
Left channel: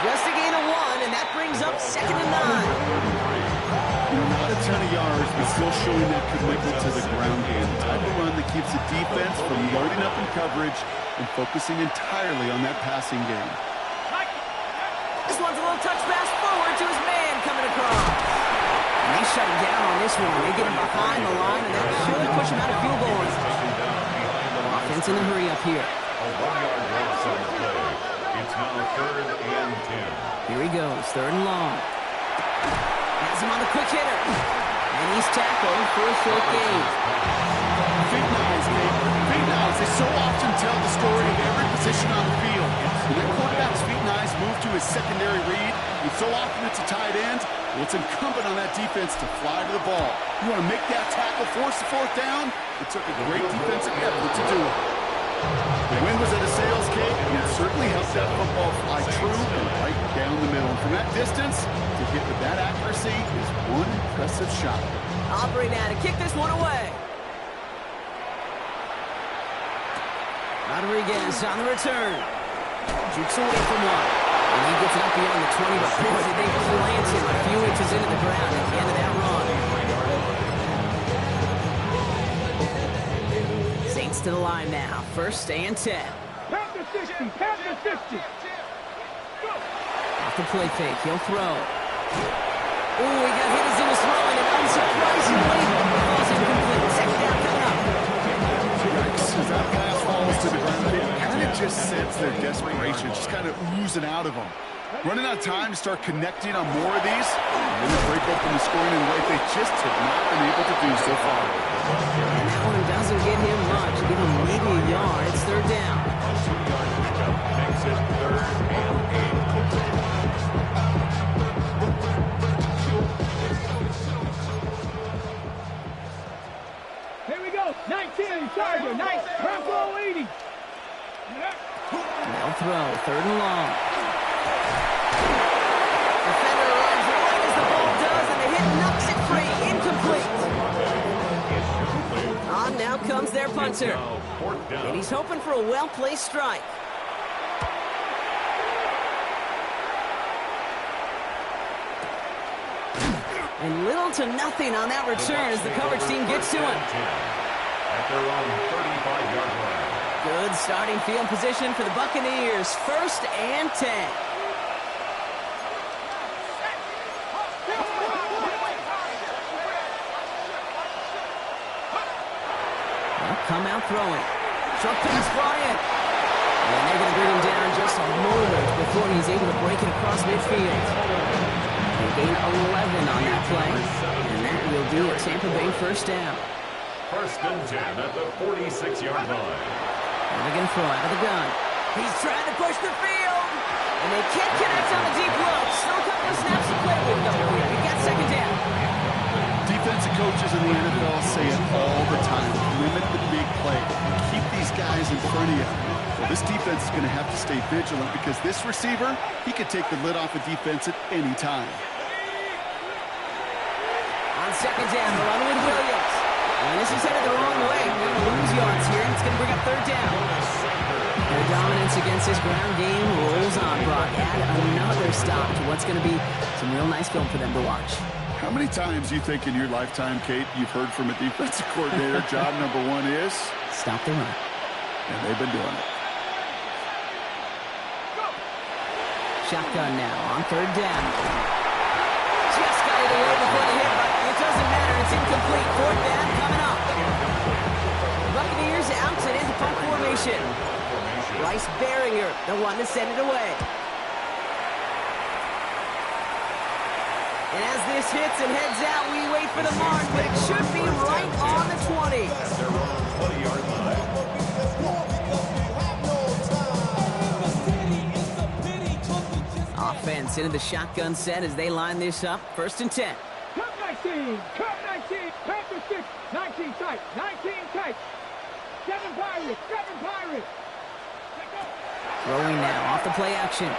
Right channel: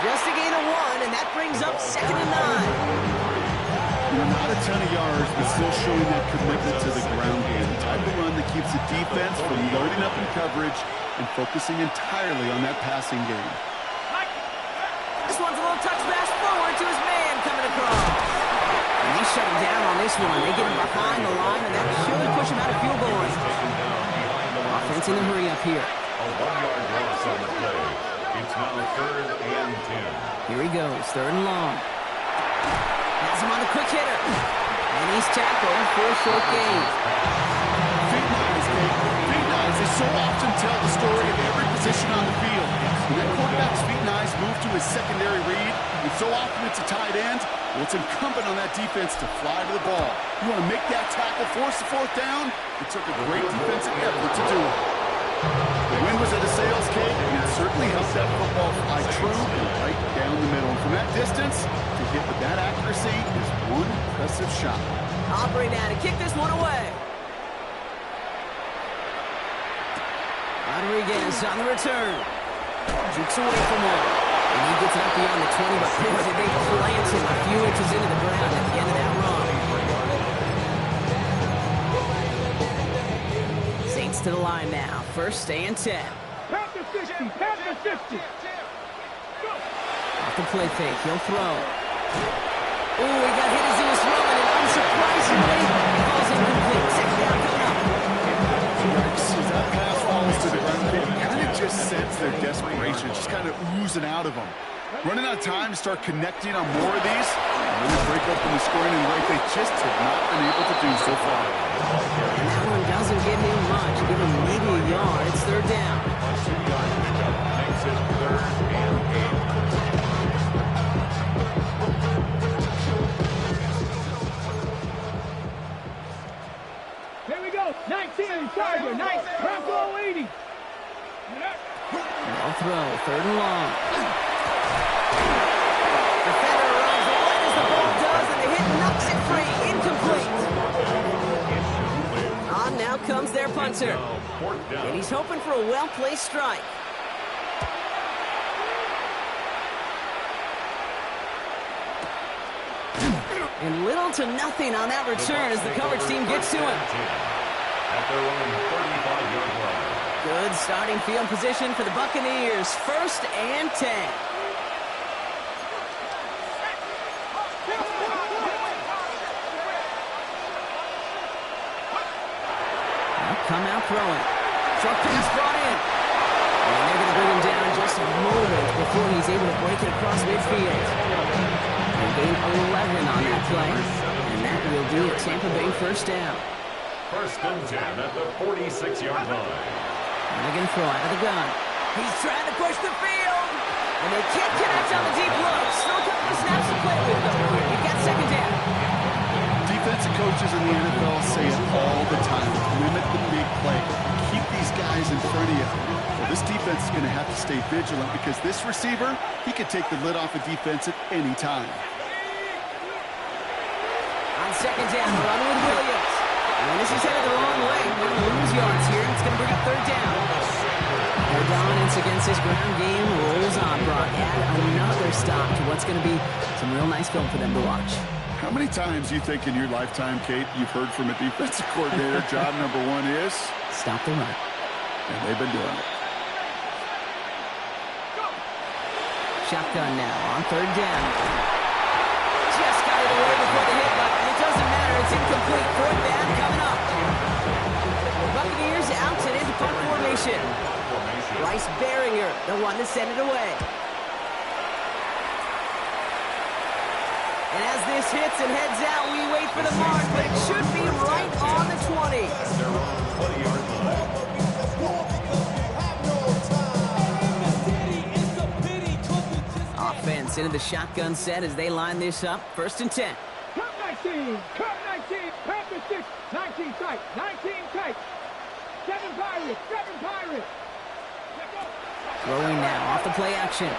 Just a gain of 1, and that brings up 2nd and 9. Not a ton of yards, but still showing that commitment to the ground game. The type of run that keeps the defense from loading up in coverage and focusing entirely on that passing game. This one's a little touch pass forward to his man coming across. And they shut him down on this one. They get him behind the line, and that should push him out of field goal range. Offense in the hurry up here. A 1-yard loss on the play. It's now 3rd and 10. Here he goes, 3rd and long. Has him on the quick hitter. And he's tackled for a short gain. Big knives, Kate. Big knives. They so often tell the story of every position on the field. When that quarterback's feet knives move to his secondary read, and so often it's a tight end, well, it's incumbent on that defense to fly to the ball. You want to make that tackle, force the 4th down? It took a great defensive effort to do it. The wind was at a sails, Kate, and it certainly helped that football fly true and right down the middle. And from that distance, to hit with that accuracy is one impressive shot. Aubrey now to kick this one away. Rodriguez on the return. Jukes away from one. And he gets it up beyond the 20, but boy, did they plant him a few inches into the ground at the end of that run. Saints to the line now. 1st and 10. Pat the 50, pat the 50. Off the play fake, he'll throw. Ooh, he got hit as he was throwing, and unsurprisingly, he falls incomplete. 2nd down coming up. Yikes, as that pass falls to the ground, you kind of just sense their desperation, just kind of oozing out of them. Running out of time to start connecting on more of these, and really break open the scoring in a way they just have not been able to do so far. And that one doesn't get him much. Give him maybe a yard. It's 3rd down. A 2-yard pickup makes it 3rd and 8. Here we go. 19, Charger. Nice. Bronco 80. They'll throw. 3rd and long. Defender arrives right as the ball does, and the hit knocks it free. Incomplete. On now comes their punter. And he's hoping for a well-placed strike. And little to nothing on that return as the coverage team gets to him. At their own 35-yard line. Good starting field position for the Buccaneers. 1st and 10. Come out throwing. Short pass brought in. And they're going to bring him down just a moment before he's able to break it across midfield. And gain 11 on that play. And that will be a Tampa Bay first down. First and 10 at the 46-yard line. And they're going to throw out of the gun. He's trying to push the field. And they can't connect on the deep look. Still a couple of snaps to play with, though. You've got second down. Defensive coaches in the NFL say it all the time. Limit the big play. Keep these guys in front of you. Well, this defense is going to have to stay vigilant because this receiver, he could take the lid off a defense at any time. On second down, they're running with Williams. And this is headed the wrong way. They're going to lose yards here. It's going to bring up third down. Their dominance against this ground game rolls on, Brock. Add another stop to what's going to be some real nice film for them to watch. How many times do you think in your lifetime, Kate, you've heard from a defensive coordinator, job number one is? Stop the run. And they've been doing it. Shotgun now on third down. Just got it away before the hit, but it doesn't matter. It's incomplete. Fourth down coming up. Buccaneers out. It is a punt formation. Bryce Behringer, the one to send it away. And as this hits and heads out, we wait for the mark, but it should be right on the 20. They're on the 20-yard line. Offense into the shotgun set as they line this up. First and 10. Cut 19, cut 19, Panther 6, 19 tight, 19 tight. 7 Pirates, 7 Pirates. Let go. Throwing now off the play action.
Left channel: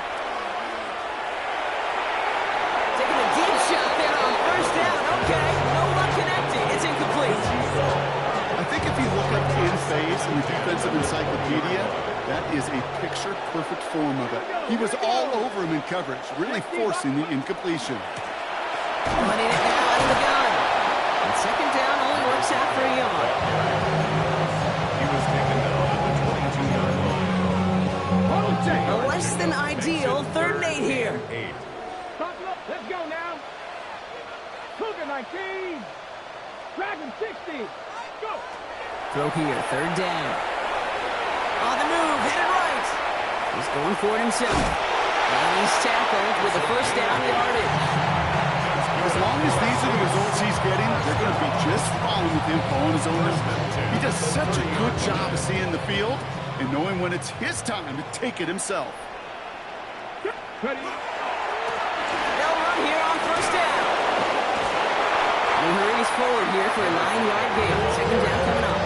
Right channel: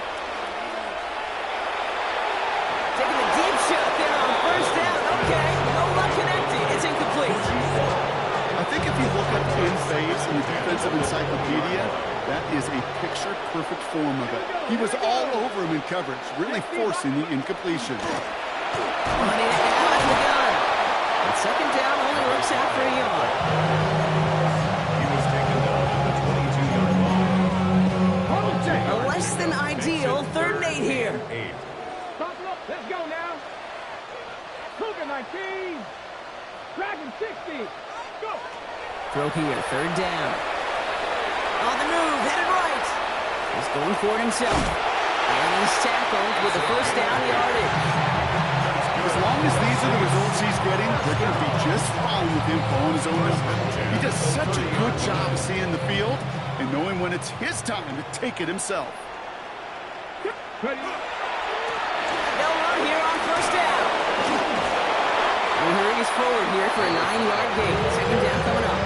Taking a deep shot there on first down. Okay, no luck connecting. It's incomplete. I think if you look up in phase in the defensive encyclopedia, that is a picture-perfect form of it. He was all over him in coverage, really forcing the incompletion. Running it now out of the gun. And second down only works out for a yard. He was taken down at the 22-yard line. A less than ideal third and 8 here. Buffalo, let's go now. Cougar 19. Dragon 60. Go. Throw here, third down. On the move, headed right. He's going for it himself. And he's tackled with the first down yardage. As long as these are the results he's getting, they're going to be just fine with him calling his own number. He does such a good job of seeing the field and knowing when it's his time to take it himself. Ready. They'll run here on first down. He hurries forward here for a 9-yard gain. Second down coming up.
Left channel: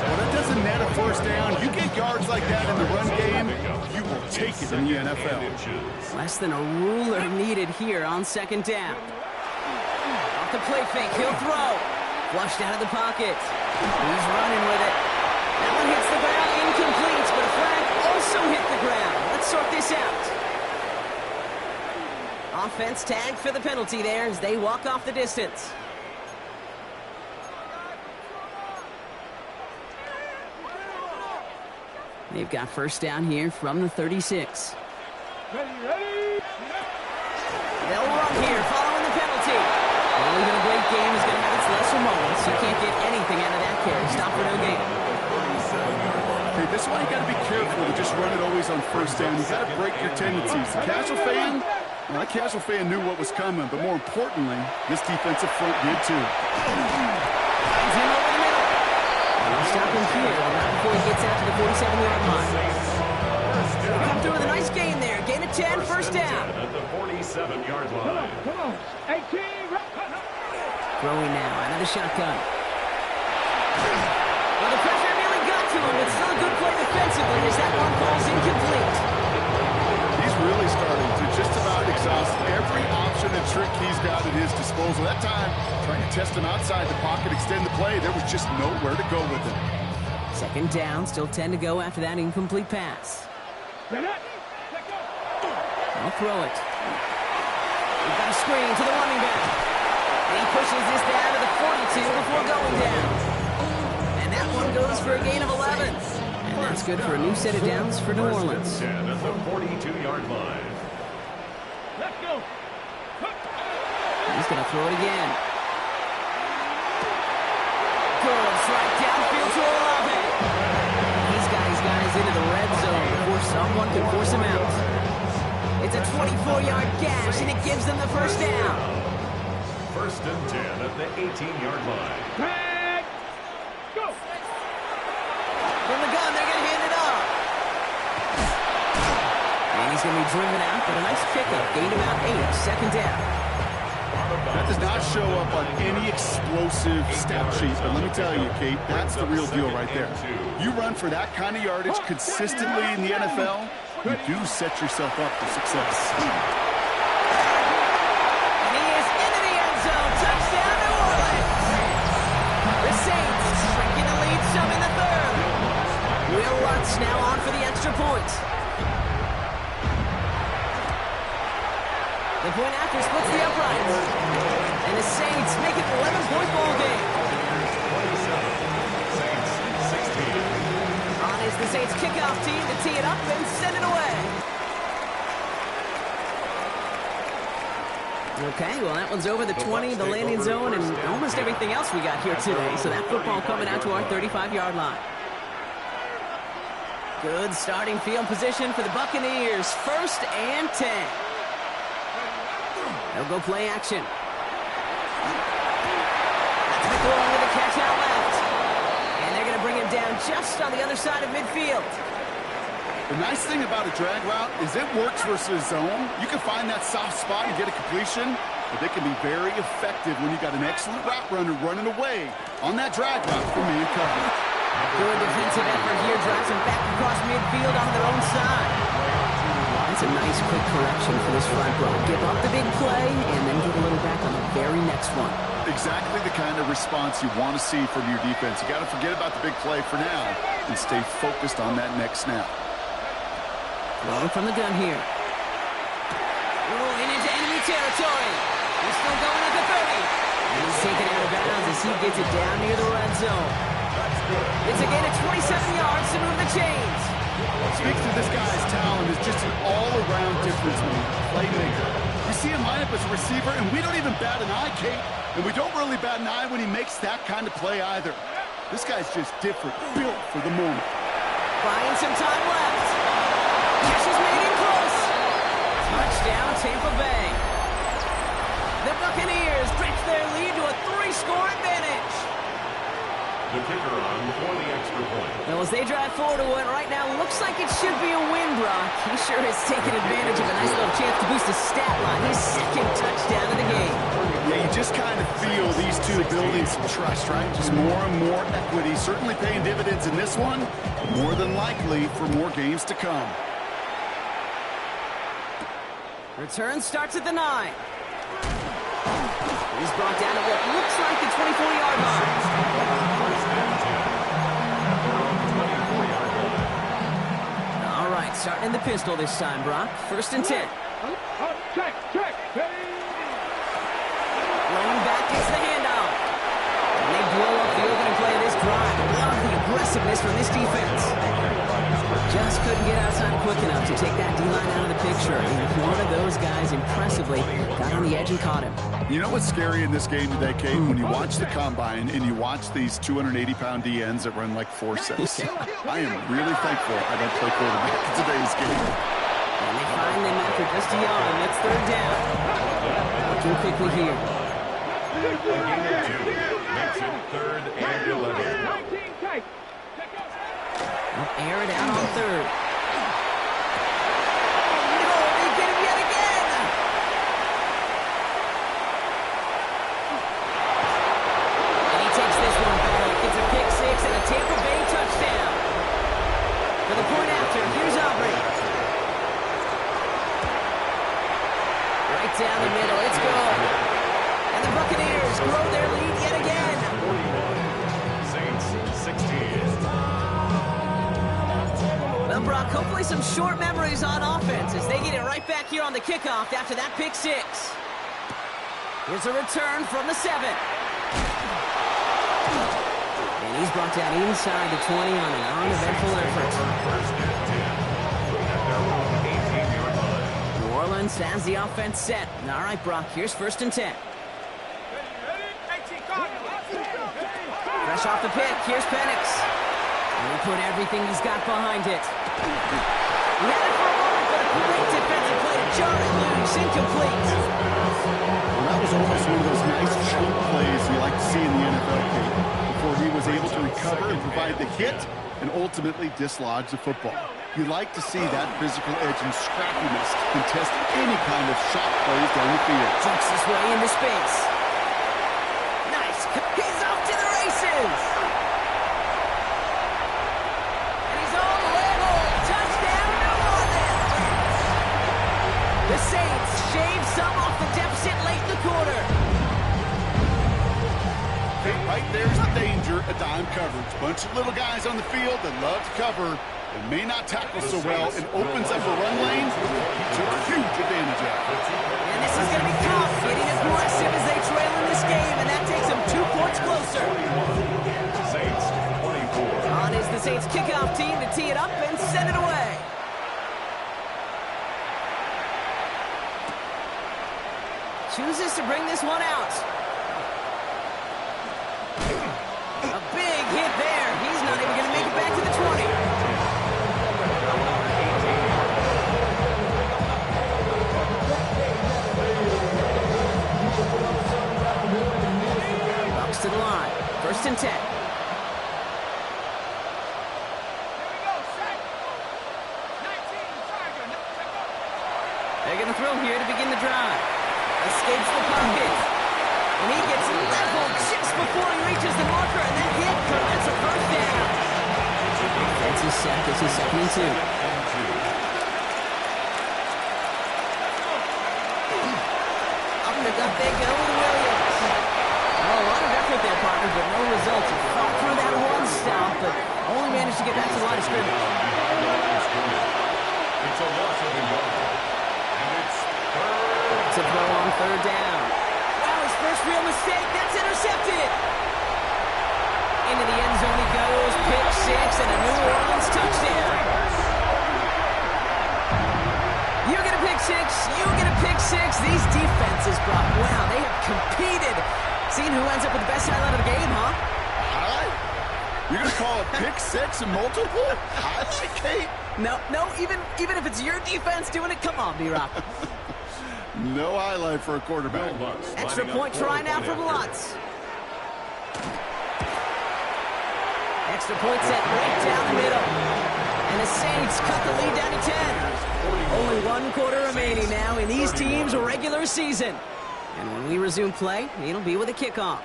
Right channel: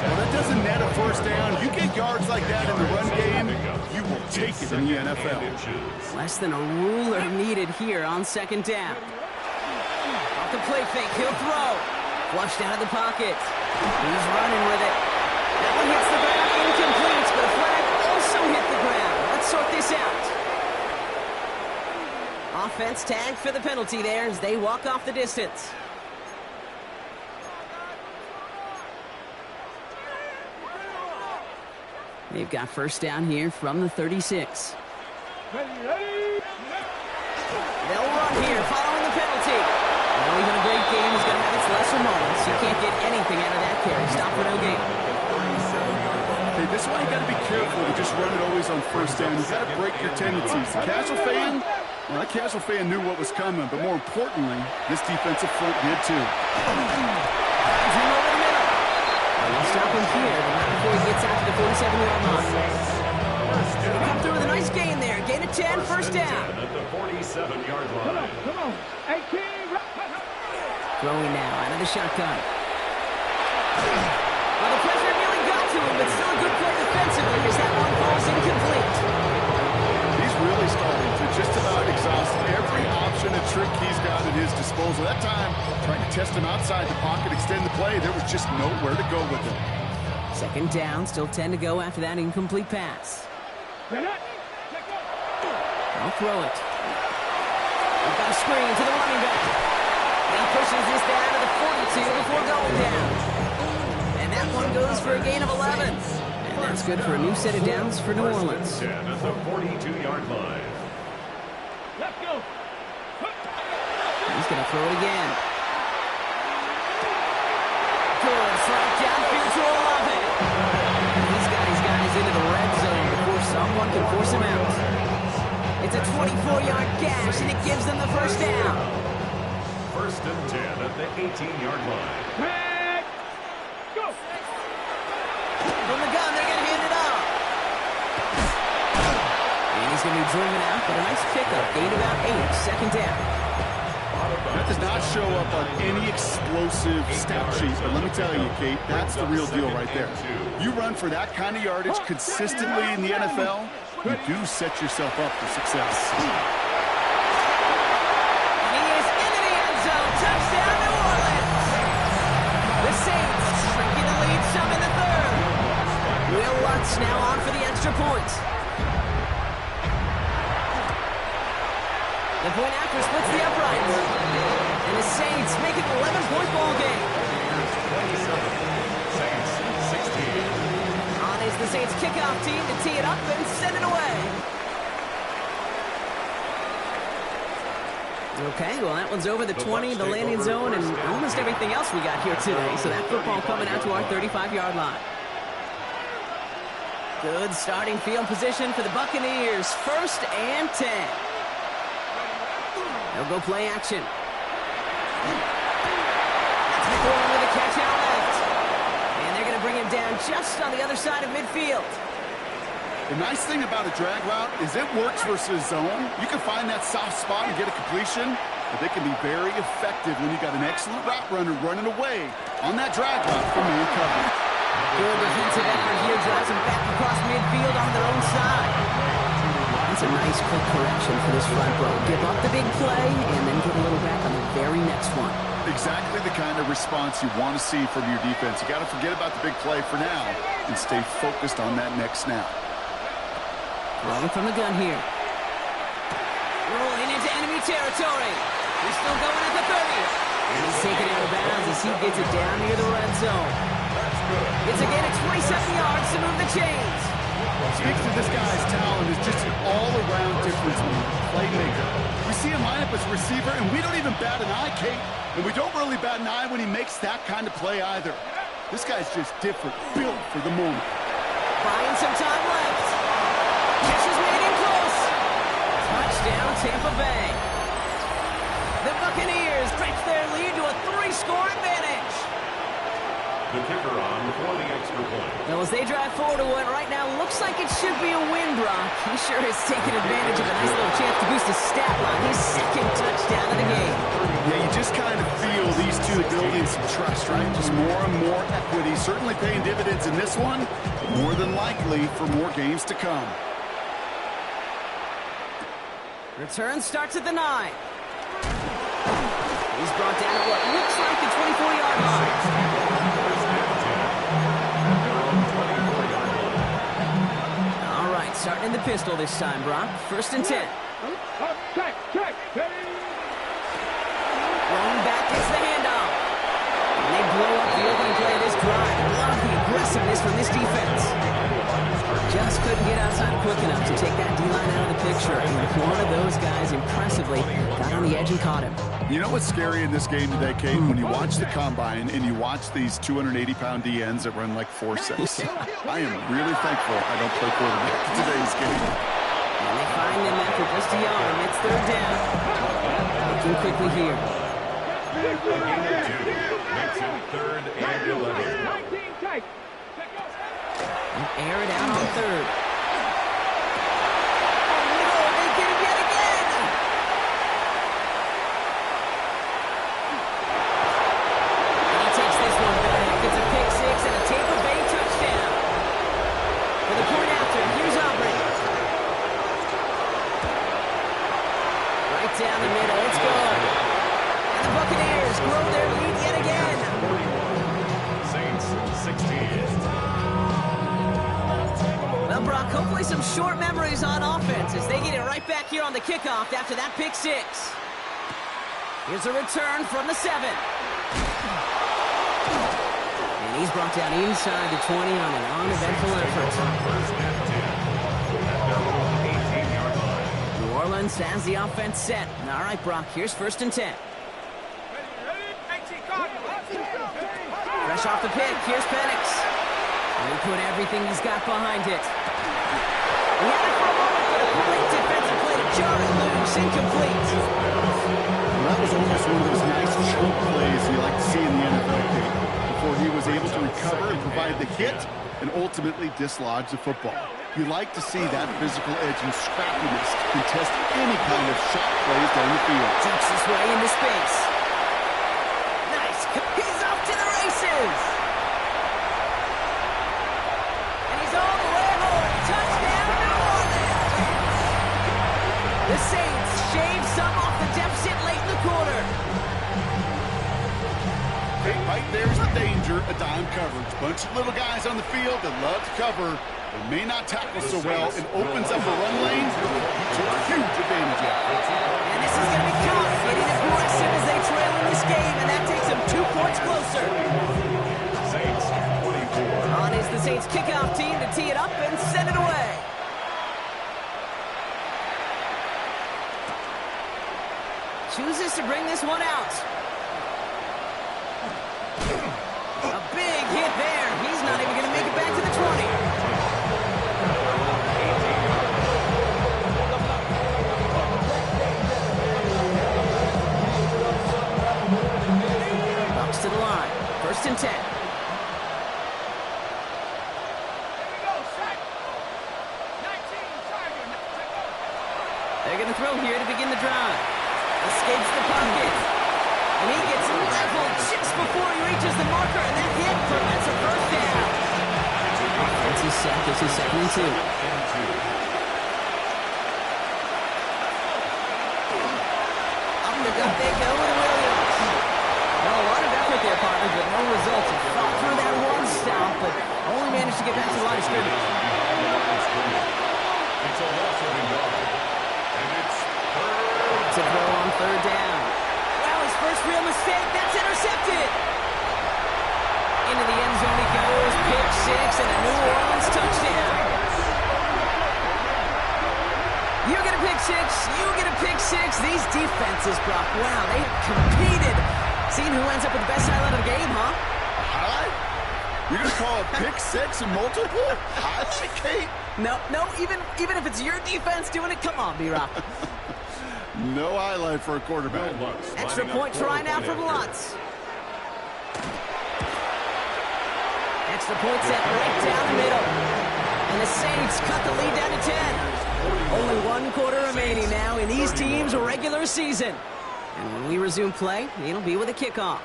Well, that doesn't net a first down. You get yards like that in the run game, you will take it in the NFL. Less than a ruler needed here on second down. Off the play fake, he'll throw. Flushed out of the pocket. He's running with it. That one hits the ground, incomplete, but a flag also hit the ground. Let's sort this out. Offense tagged for the penalty there as they walk off the distance. They've got first down here from the 36. Ready, ready. They'll run here following the penalty. Well, even a great game is going to have its lesser moments. You can't get anything out of that carry. Stop for no gain. Okay, this is why you got to be careful to just run it always on first down. You got to break your tendencies. The casual fan, well, that casual fan knew what was coming, but more importantly, this defensive front did too. Finds him over the middle. And they'll stop him here, but not before he gets out to the 47-yard line. They come through with a nice gain there. Gain of 10, first down. At the 47-yard line. Come on. 18. Throwing now out of the shotgun. Well, the pressure nearly got to him, but still a good play defensively as that one falls incomplete. He's really starting to just about exhaust every option and trick he's got at his disposal. That time, trying to test him outside the pocket, extend the play, there was just nowhere to go with it. Second down, still 10 to go after that incomplete pass. I'll throw it. We've got a screen to the running back. And he pushes this down to the 42 before going down. And that one goes for a gain of 11. And that's good for a new set of downs for New Orleans. 10 at the 42-yard line. Let's go. He's going to throw it again. Good strike downfield to Olave. He's got his guys into the red zone before someone can force him out. It's a 24-yard gash, and it gives them the first down. 1st and 10 at the 18-yard line. Tag. Go. From the gun, they're going to hand it off. And he's going to be driven out, but a nice pickup. Gain about 8. 2nd down. That does not show up on any explosive stat sheet, but let me tell you, Kate, that's the real deal right there. You run for that kind of yardage consistently in the NFL, you do set yourself up for success. And he is into the end zone. Touchdown, New Orleans. The Saints shrinking the lead some in the 3rd. Will Lutz now on for the extra point. The point after splits the uprights. And the Saints make it an 11-point ball game. 27, Saints 16. On is the Saints kickoff team to tee it up and send it away. Okay, well, that one's over the 20, the landing zone, and almost everything else we got here today. So that football coming out to our 35-yard line. Good starting field position for the Buccaneers. 1st and 10. They'll go play action. That's McLaurin with a catch out left. And they're going to bring him down just on the other side of midfield. The nice thing about a drag route is it works versus zone. You can find that soft spot and get a completion, but they can be very effective when you got an excellent route runner running away on that drag route from man coverage. Good defensive effort here. Drives him back across midfield on their own side. That's a nice quick correction for this front row. Give up the big play and then get a little back on the very next one. Exactly the kind of response you want to see from your defense. You got to forget about the big play for now and stay focused on that next snap. Throwing from the gun here. Rolling into enemy territory. He's still going at the 30. And he's taken out of bounds as he gets it down near the red zone. It's a gain of 27 yards to move the chains. What speaks to this guy's talent is just an all-around difference maker, playmaker. We see him line up as a receiver, and we don't even bat an eye, Kate. And we don't really bat an eye when he makes that kind of play either. This guy's just different, built for the moment. Buying some time left. Cash is made in close. Touchdown, Tampa Bay. The Buccaneers stretch their lead to a 3-score advantage. The kicker on for the extra point. Well, as they drive forward to what right now looks like it should be a win, Brock. He sure has taken advantage of a nice little chance to boost his stat line. His 2nd touchdown of the game. Yeah, you just kind of feel these two building some trust, right? Just more and more equity. Certainly paying dividends in this one, but more than likely for more games to come. Return starts at the 9. He's brought down at what looks like the 24-yard line. 1st and 10 at their own 24-yard line. All right, starting in the pistol this time, Brock. 1st and 10. Check. Rolling back gets the handoff. And they blow up the opening play of this drive. Love the aggressiveness from this defense. Just couldn't get outside quick enough to take that D-line out of the picture. And one of those guys impressively got on the edge and caught him. You know what's scary in this game today, Kate? When you watch the combine and you watch these 280-pound DNs that run like 4.6. I am really thankful I don't play quarterback in today's game. And they find them after just a yard. It's 3rd down. Looking quickly here. A gain of 2 makes it 3rd and 11. 19 tight. Air it out on 3rd. Oh, no, they get him yet again. And he takes this one back. It's a pick 6 and a Tampa Bay touchdown. For the point after, here's Aubrey. Right down the middle, it's good. And the Buccaneers grow their lead yet again. 41, Saints 16. Well, Brock, hopefully some short memories on offense as they get it right back here on the kickoff after that pick 6. Here's a return from the 7. And he's brought down inside the 20 on an uneventful effort. 1st and 10 at their own 18-yard line. New Orleans has the offense set. All right, Brock, here's 1st and 10. Fresh off the pick, here's Penix. And he put everything he's got behind it. He had it for a moment, but a great defensive play to jar it loose. Incomplete. Well, that was almost one of those nice chunk plays you like to see in the NFL, Kate, before he was able to recover and provide the hit and ultimately dislodge the football. You like to see that physical edge and scrappiness to contest any kind of shot plays down the field. Jumps his way into space. Nice. He's off to the races. And he's all the way home. Touchdown, New Orleans. The Saints shave some off the deficit late in the quarter. Right there's the danger, a dime coverage. Bunch of little guys on the field that love to cover. They may not tackle so well. It opens up a run lane. He took huge advantage of it. And this is going to be Cobb getting aggressive as they trail in this game, and that takes them 2 points closer. Saints 24. On is the Saints kickoff team to tee it up and send it away. Chooses to bring this one out. A big hit there. He's not even going to make it back to the 20. Bucs to the line. 1st and 10. They're going to throw here to begin the drive. Escapes the pocket. And he gets leveled just before he reaches the marker, and that hit prevents a first down. Offensive sack. This is 2nd and 2. Up the gut they go with Williams. Well, a lot of effort there, partner, but no results. He fought through that one stop, but only managed to get back to the line of scrimmage. It's a loss of a yard. And it's third. To throw on 3rd down. Wow, his first real mistake. That's intercepted. Into the end zone he goes. Pick 6 and a New Orleans touchdown. You get a pick 6. You get a pick 6. These defenses, Brock, wow, they have competed. Seeing who ends up with the best highlight of the game, huh? A highlight? You're going to call a pick 6 and multiple? Highlight, Kate? No, even if it's your defense doing it, come on, B-Rock. No highlight for a quarterback. Extra point try now for Bucs. Extra point set right down the middle. And the Saints cut the lead down to 10. Only 1 quarter remaining now in these teams' regular season. And when we resume play, it'll be with a kickoff.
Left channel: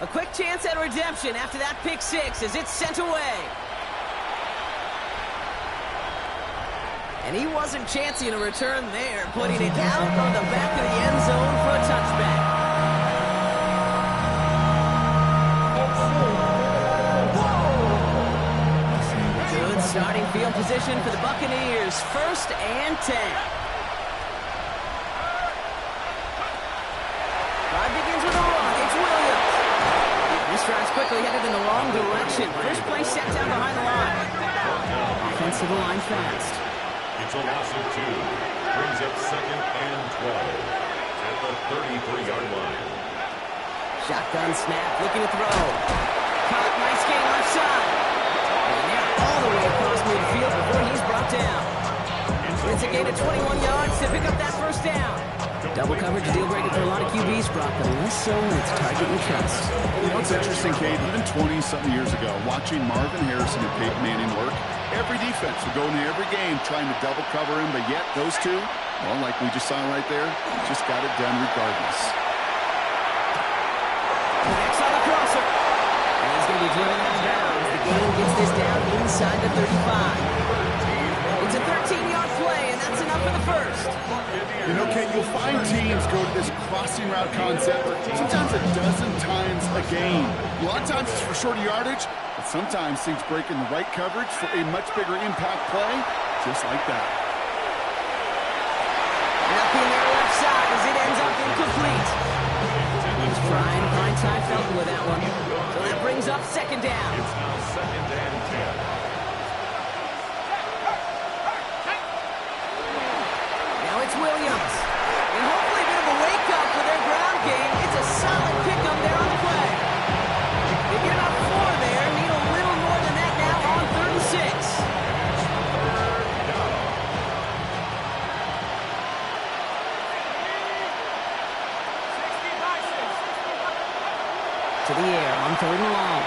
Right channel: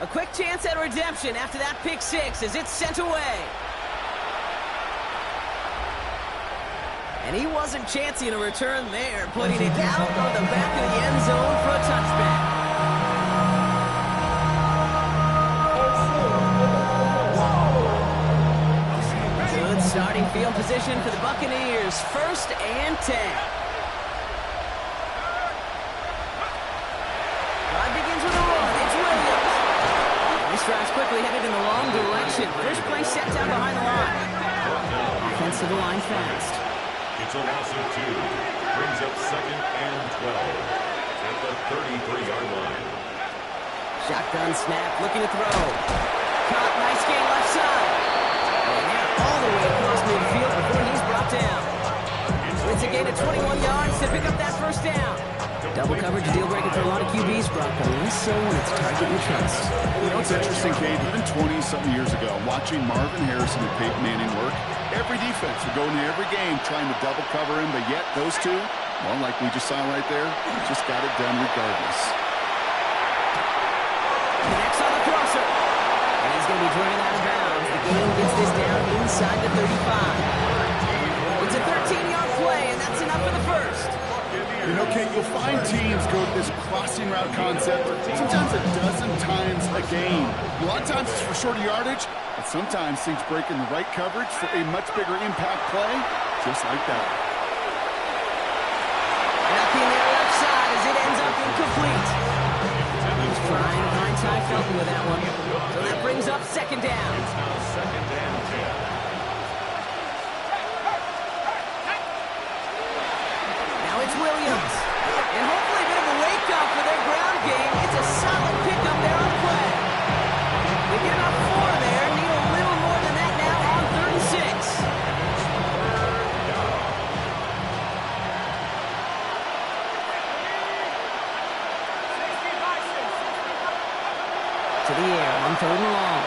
A quick chance at redemption after that pick 6 as it's sent away. And he wasn't chancing a return there, putting it out on the back of the end zone for a touchback. Good starting field position for the Buccaneers. 1st and 10. Drive begins with a run. It's Williams. This drive's quickly headed in the wrong direction. First play set down behind the line. Offense to the line fast. It's a loss of 2. Brings up 2nd and 12 at the 33-yard line. Shotgun snap, looking to throw. Caught, nice gain left side. And they're all the way across midfield before he's brought down. It's a gain of 21 yards to pick up that first down. Double coverage, a deal breaker for a lot of QBs, Brock, but less so when it's target you trust. You know, it's interesting, Kate, even 20-something years ago, watching Marvin Harrison and Peyton Manning work, every defense would go into every game trying to double cover him, but yet those two, well, like we just saw right there, just got it done regardless. Connects on the crosser. And he's going to be driven out of bounds. The gain gets this down inside the 35. It's a 13-yard play, and that's enough for the first. You know, Kate, you'll find teams go to this crossing route concept sometimes a dozen times a game. A lot of times it's for shorter yardage, but sometimes things break in the right coverage for a much bigger impact play, just like that. Nothing there left side as it ends up incomplete. He's trying to find Ty Felton with that one. So that brings up 2nd down. It's now 2nd and 10. Now it's Williams. And hopefully a bit of a wake-up for their ground game. It's a solid pickup there on the play. They get about 4 there. Need a little more than that now on 3rd and 6. to the air on 3rd and long.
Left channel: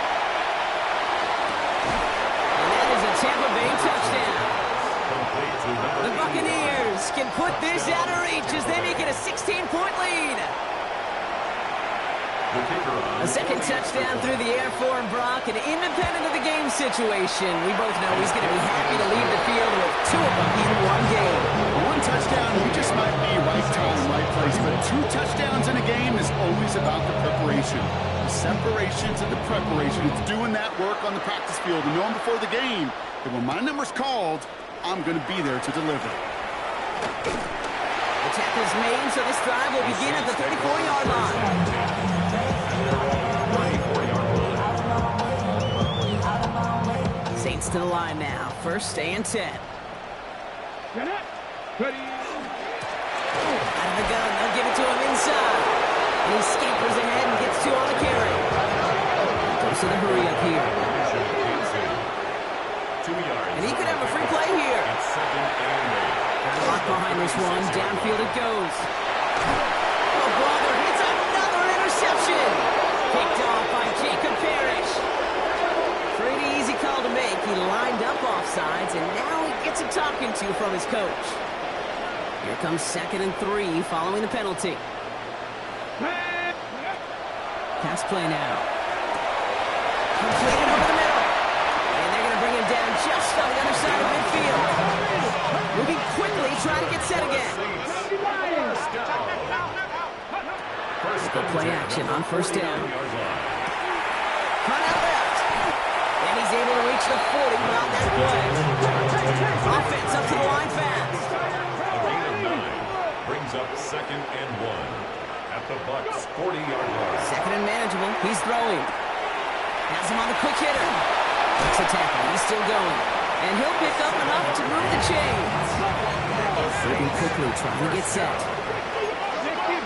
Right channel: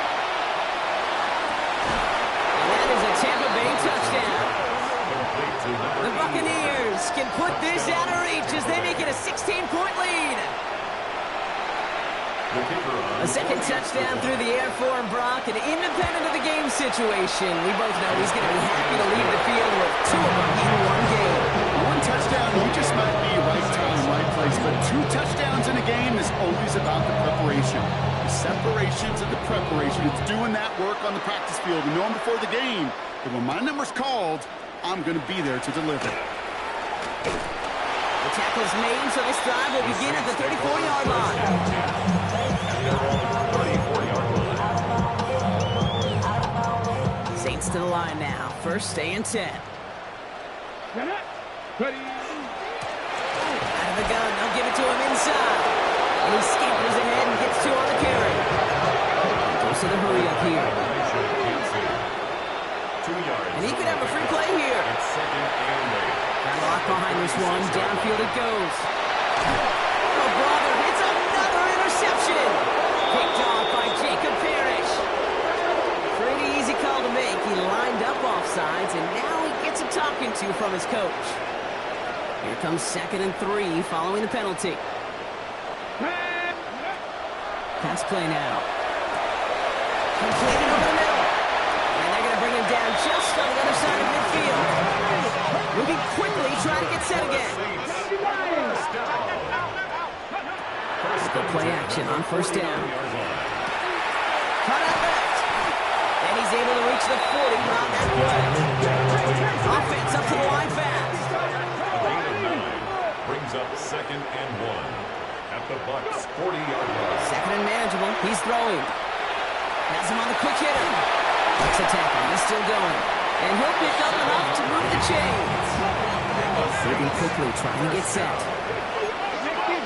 And that is a Tampa Bay touchdown. The Buccaneers can put this out of reach as they make it a 16-point lead. A second touchdown through the air for Brock, and independent of the game situation, we both know he's going to be happy to leave the field with 2 of them in one game. 1 touchdown, you just might be right time, right place, but 2 touchdowns in a game is always about the preparation. The separation to the preparation. It's doing that work on the practice field and knowing before the game that when my number's called, I'm going to be there to deliver. The tackle's made, so this drive will begin at the 34-yard line. Saints to the line now. First and 10. Get it. Ready. Out of the gun, they'll give it to him inside. And he scampers ahead and gets 2 on the carry. Goes to the hurry up here. 2 yards. And he could have a free play here. It's 2nd and 8. Got a lock behind this one. Downfield it goes. Oh, brother, it's another interception. Picked off by Jacob Parrish. Pretty easy call to make. He lined up offsides, and now he gets a talking to from his coach. Here comes 2nd and 3 following the penalty. Pass play now. Completed over the middle. And they're going to bring him down just on the other side of midfield. Moving quickly, trying to get set again. Good play action on 1st down. Cut out left. And he's able to reach the 40 on that play. Offense up to the line fast. A gain of 9 brings up 2nd and 1 at the Bucs 40-yard line. 2nd and manageable. He's throwing. Has him on the quick hitter. Breaks a tackle. He's still going. And he'll pick up enough to move the chains. Moving quickly, trying to get set.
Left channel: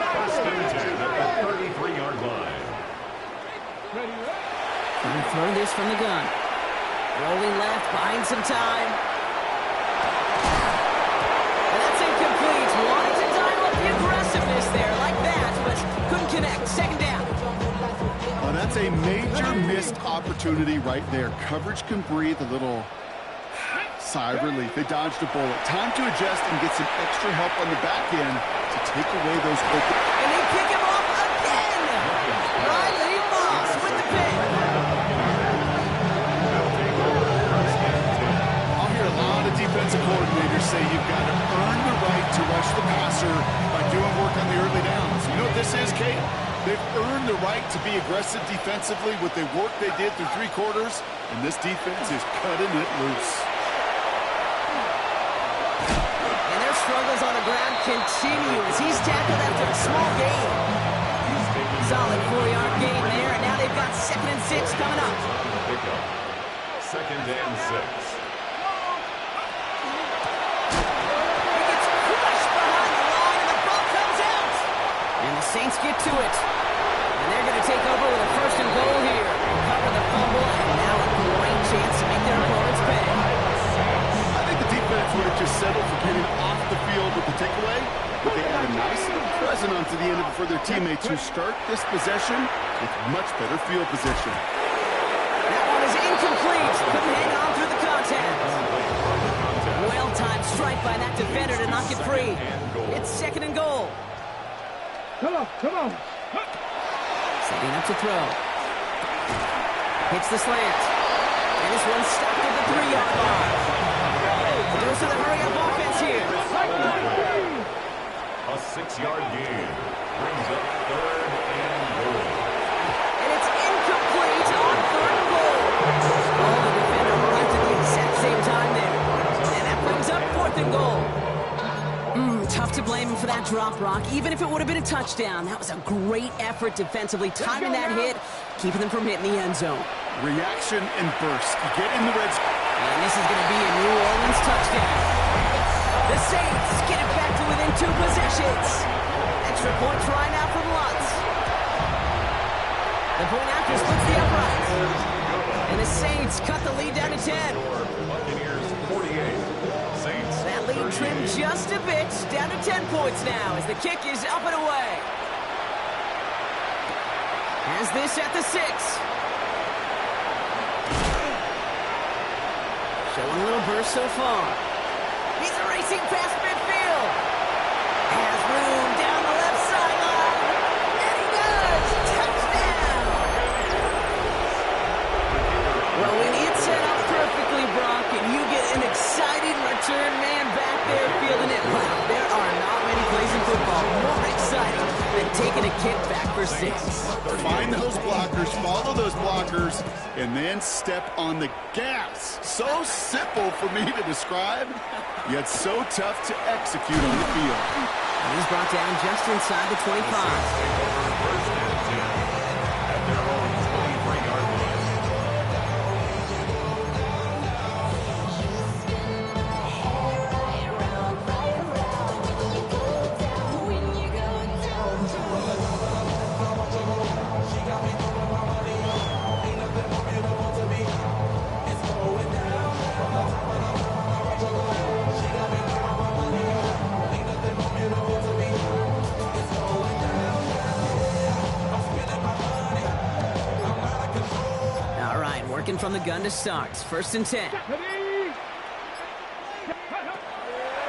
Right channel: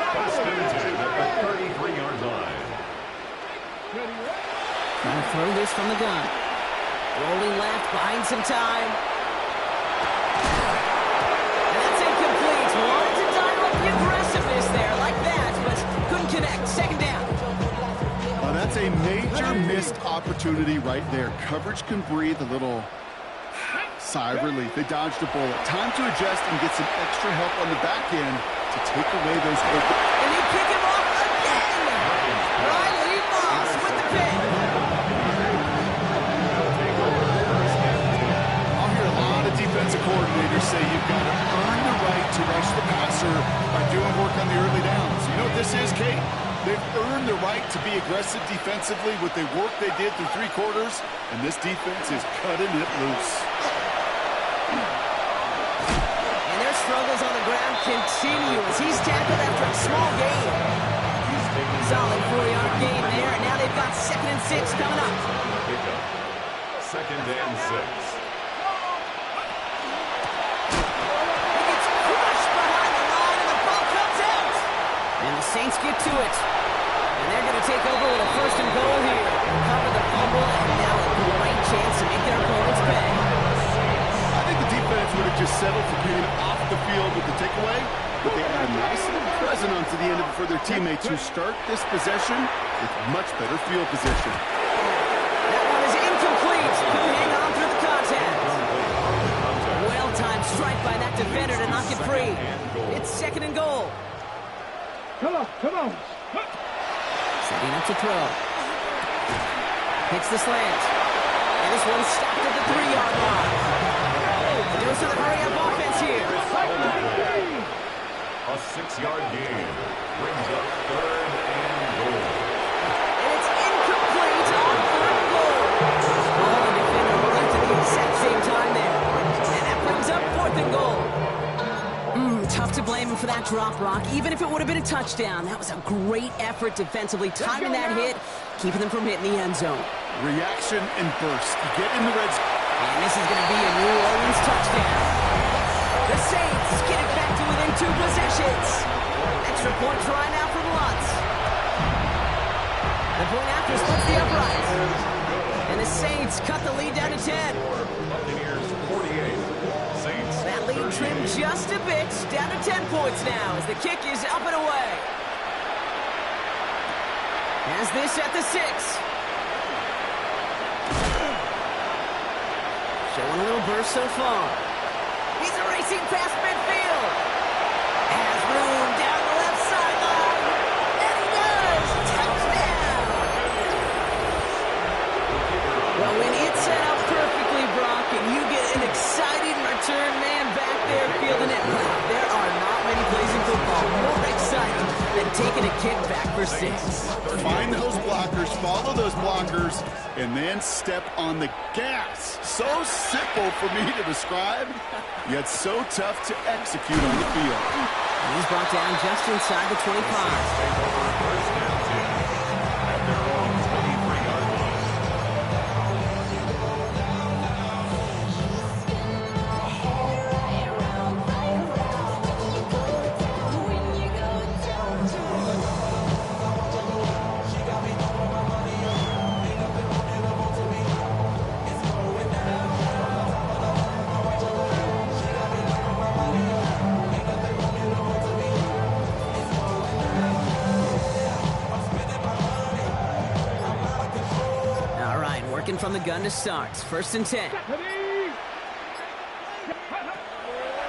1st and 10 at the 33-yard line. Trying to throw this from the gun. Rolling left, buying some time. And that's incomplete. Wanted to dial up the aggressiveness there like that, but couldn't connect. 2nd down. Oh, that's a major missed opportunity right there. Coverage can breathe a little sigh of relief. They dodged a bullet. Time to adjust and get some extra help on the back end to take away those open. And they pick him off again. Riley Moss with the pick. I'll hear a lot of defensive coordinators say you've got to earn the right to rush the passer by doing work on the early downs. You know what this is, Kate? They've earned the right to be aggressive defensively with the work they did through 3 quarters, and this defense is cutting it loose. And their struggles on the ground continue as he's tackled after a small gain. Solid 4-yard gain there, and now they've got 2nd and 6 coming up. Pickup. 2nd and 6. He gets crushed behind the line, and the ball comes out. And the Saints get to it. And they're going to take over with a 1st and goal here. Recover the fumble, and now a great chance to make their opponents pay. I think the defense would have just settled for getting off the field with the takeaway, but they add a nice little present onto the end of it for their teammates who start this possession with much better field position. That one is incomplete. Couldn't hang on through the contact. Well-timed strike by that defender to knock it free. It's 2nd and goal. Come on, come on. Setting up to throw. Hits the slant. And this one's stopped at the 3-yard line. Goes to the hurry-up offense here. A 6-yard gain brings up 3rd and goal. And it's incomplete on 3rd and goal. Oh, the defender moving to the exact same time there. And that brings up 4th and goal. Tough to blame him for that drop, Brock. Even if it would have been a touchdown, that was a great effort defensively, timing that hit, keeping them from hitting the end zone. Reaction and burst. You get in the red zone. And this is going to be a New Orleans touchdown. The Saints get it back to within 2 possessions. Extra point try now from Lutz. The point after splits the uprights. And the Saints cut the lead down to 10. Buccaneers 48. Saints. That lead trimmed just a bit, down to 10 points now as the kick is up and away. Has this at the 6. Showing a little burst so far. He's racing past midfield. Has room down the left sideline. And he does. Touchdown. Well, when it's set up perfectly, Brock, and you get an exciting return man back there fielding it, wow, there are not many plays in football more exciting than taking a kick back for 6. Find those blockers, follow those blockers, and then step on the gas. So simple for me to describe, yet so tough to execute on the field. And he's brought down just inside the 25. Take over first and 10 at their own 23-yard line. Working from the gun to start. First and 10.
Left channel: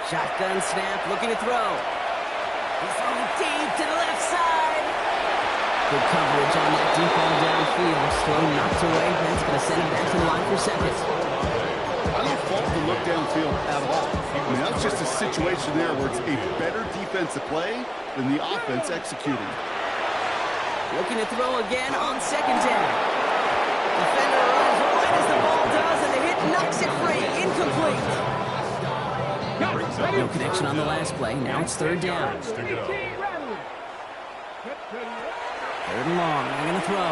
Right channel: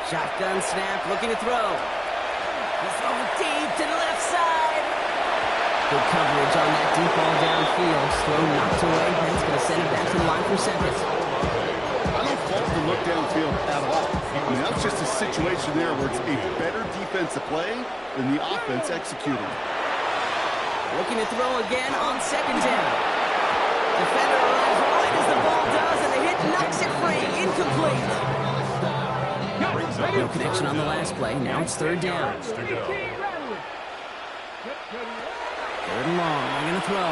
Shotgun snap, looking to throw. He's throwing deep to the left side. Good coverage on that deep ball downfield. Throw knocked away. That's going to send it back to the line for seconds. I don't fault the look downfield at all. I mean, that's just a situation there where it's a better defensive play than the offense executing. Looking to throw again on second down. Defender arrives right as the ball does, and the hit knocks it free. Incomplete. No connection on the last play. Now it's third down. Third and long. They're going to throw.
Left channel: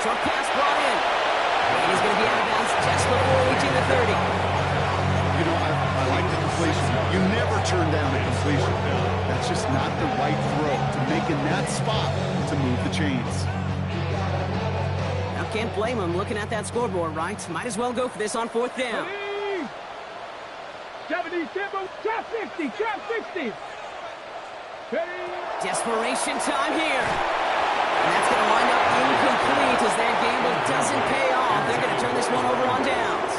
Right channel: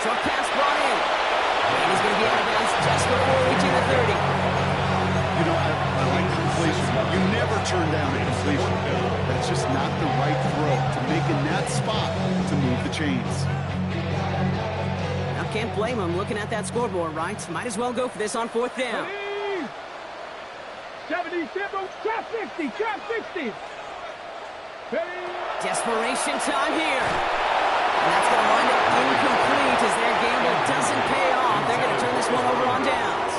Short pass brought in. And he's going to be out of bounds just before reaching the 30. You know, I like the completion. You never turn down a completion. That's just not the right throw to make in that spot to move the chains. Now, can't blame him looking at that scoreboard, right? Might as well go for this on fourth down. 77, trap 60, trap 60. Desperation time here. And that's going to wind up incomplete as their gamble doesn't pay off. They're going to turn this one over on downs.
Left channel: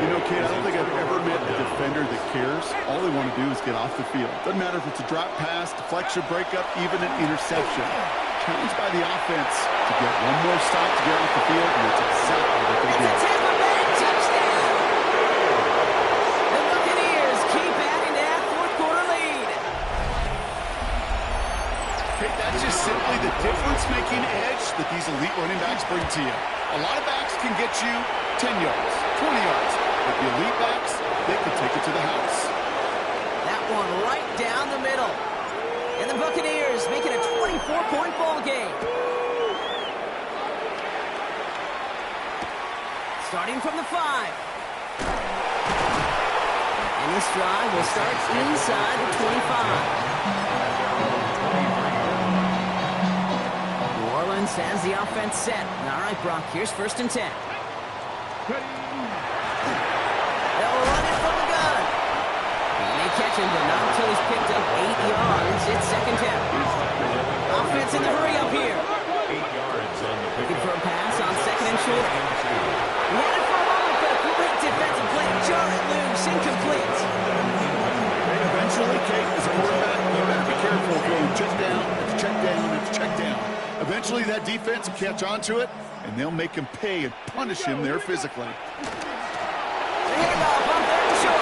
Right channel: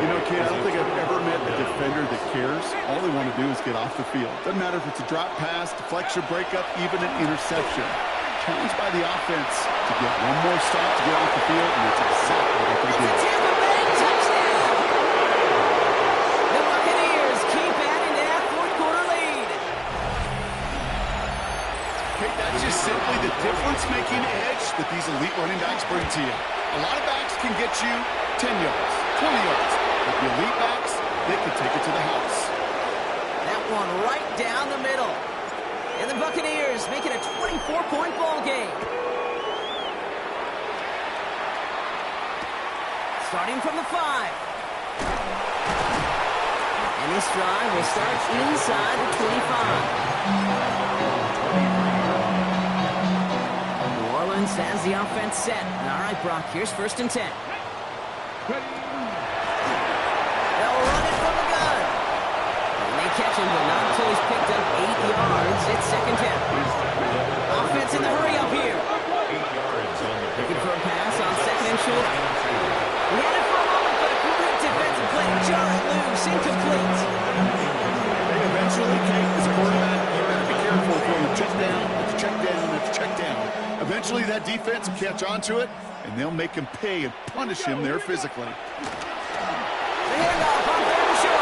You know, Kate, I don't think I've ever met a defender that cares. All they want to do is get off the field. Doesn't matter if it's a drop pass, deflection, breakup, even an interception. Challenged by the offense to get one more stop to get off the field, and that's exactly what they did. It's a Tampa Bay touchdown! The Buccaneers keep adding to that fourth-quarter lead. Kate, that's just simply the difference-making edge that these elite running backs bring to you. A lot of backs can get you 10 yards, 20 yards, but the elite backs, they can take it to the house. That one right down the middle. And the Buccaneers make it a 24-point ball game. Starting from the 5. And this drive will start inside the 25. New Orleans has the offense set. All right, Brock, here's first and 10. They'll run it from the gun. And they catch him, but not until he's picked up 8 yards. It's second down. Offense in the hurry up here. 8 yards on the Looking pickup. for a pass on second and short. He had it for a moment, but a great defensive play to jar it loose. Incomplete. Hey, eventually, Kate, as a quarterback, you better be careful throwing check down after check down after check down. Eventually, that defense will catch on to it, and they'll make him pay and punish him there physically. The handoff on third and short.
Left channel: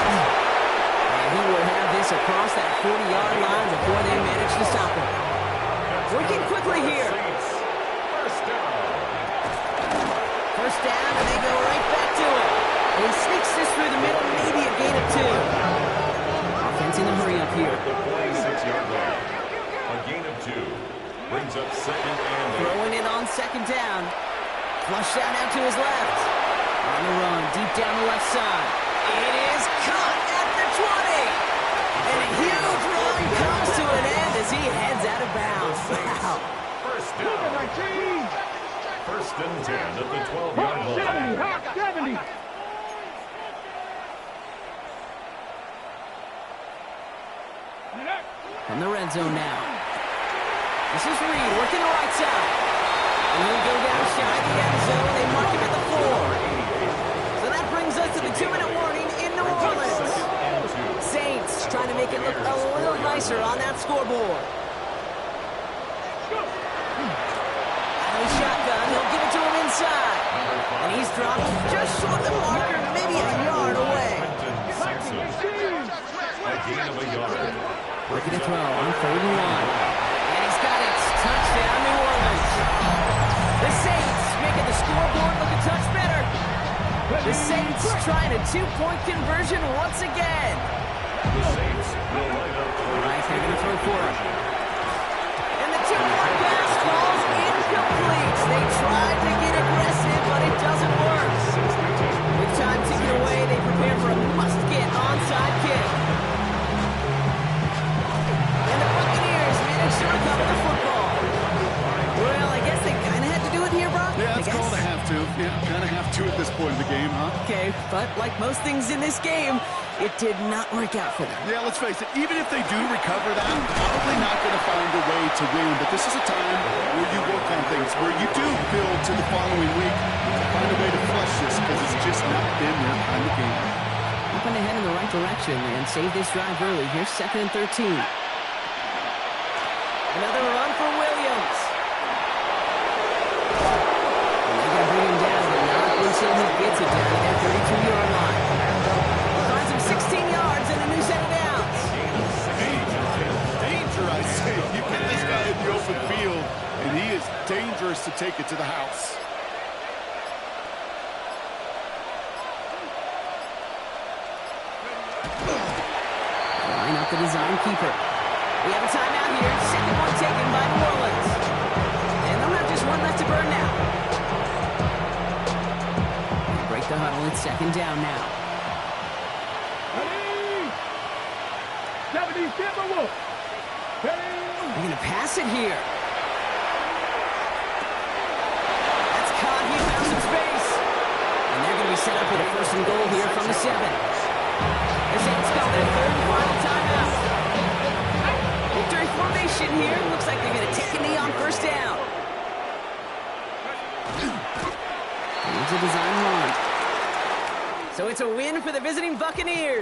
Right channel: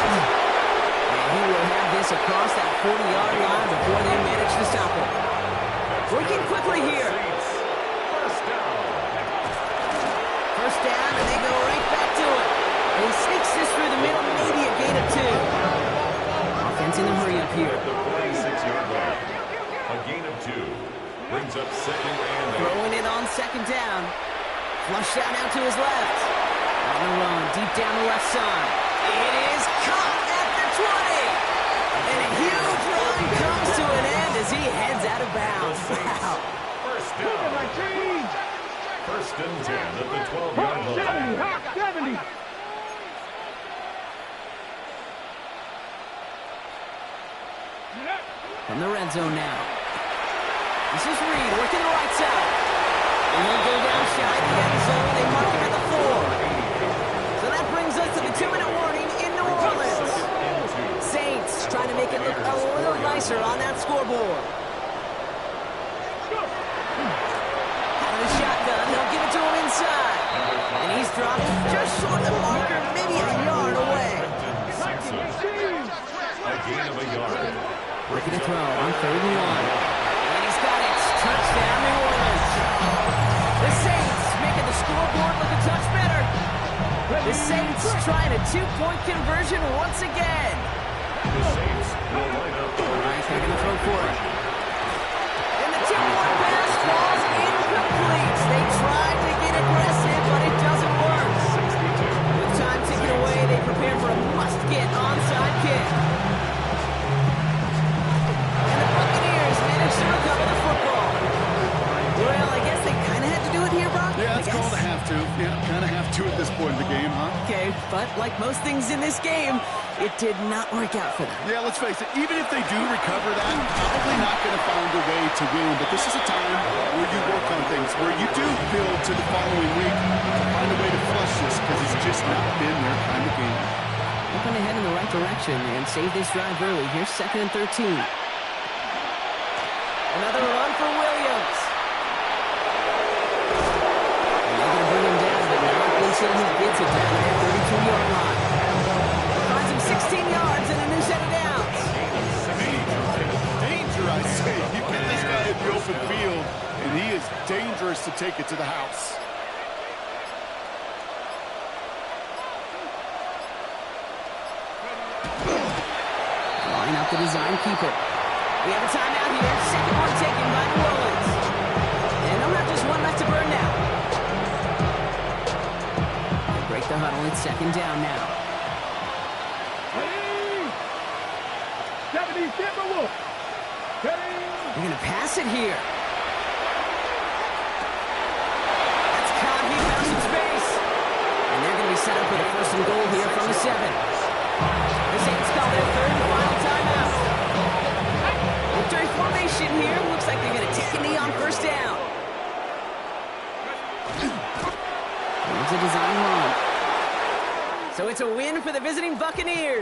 And he will have this across that 40-yard line before they manage to stop him. Working quickly here. First down. First down, and they go right back to it. And he sneaks this through the middle, maybe a gain of 2. Offense in the hurry up here. At the 46-yard line. A gain of 2. Brings up second and 8. Throwing it on second down. Flushed out now to his left. On the run, deep down the left side. It is caught at the 20. And a huge run comes to an end as he heads out of bounds. Wow. First down. First and 10 at the 12-yard line. 70. From the red zone now. This is Reed working the right side. And he'll go down shy of the end zone. They mark him at the 4. So that brings us to the 2-minute warning in New Orleans. Saints trying to make it look a little nicer on that scoreboard. Out of the shotgun, he'll give it to him inside. And he's dropped just short of the marker, maybe a yard away. A gain of a yard. Looking to throw on 3rd and 1. And he's got it. Touchdown, New Orleans. The Saints making the scoreboard look a touch better. The Saints trying a 2-point conversion once again. The Saints will line up. All right, they're going to throw for it. And the 2-point pass falls incomplete. They tried to get aggressive, but it doesn't work. With time ticking away, they prepare for a must-get onside kick. And the Buccaneers manage to recover the football. Well, I guess they kind of had to do it here, Brock. Yeah, it's called a have to. Yeah, kind of have to at this point in the game, huh? Okay, but like most things in this game, it did not work out for them. Yeah, let's face it, even if they do recover that, probably not going to find a way to win. But this is a time where you work on things, where you do build to the following week to find a way to flush this, because it's just not been their kind of game. Hoping to head in the right direction and save this drive early. Here's 2nd and 13. Another run for Williams. And they're going to bring him down, but not until he gets it down to their 32-yard line. Finds him 16 yards and a new set of downs. Danger, I say. You get this guy in the open field, and he is dangerous to take it to the house. Drawing up the design keeper. We have a timeout here. 2nd one taken by New Orleans. And they'll have just one left to burn now. They break the huddle. It's 2nd down now. Ready? 70 Timberwolves. Ready? They're going to pass it here. That's caught. He found some space. And they're going to be set up with a 1st and goal here from the 7. The Saints call their 3rd and final timeout. Victory formation here. Looks like they're going to take a knee on 1st down. Here's a design run. So it's a win for the visiting Buccaneers.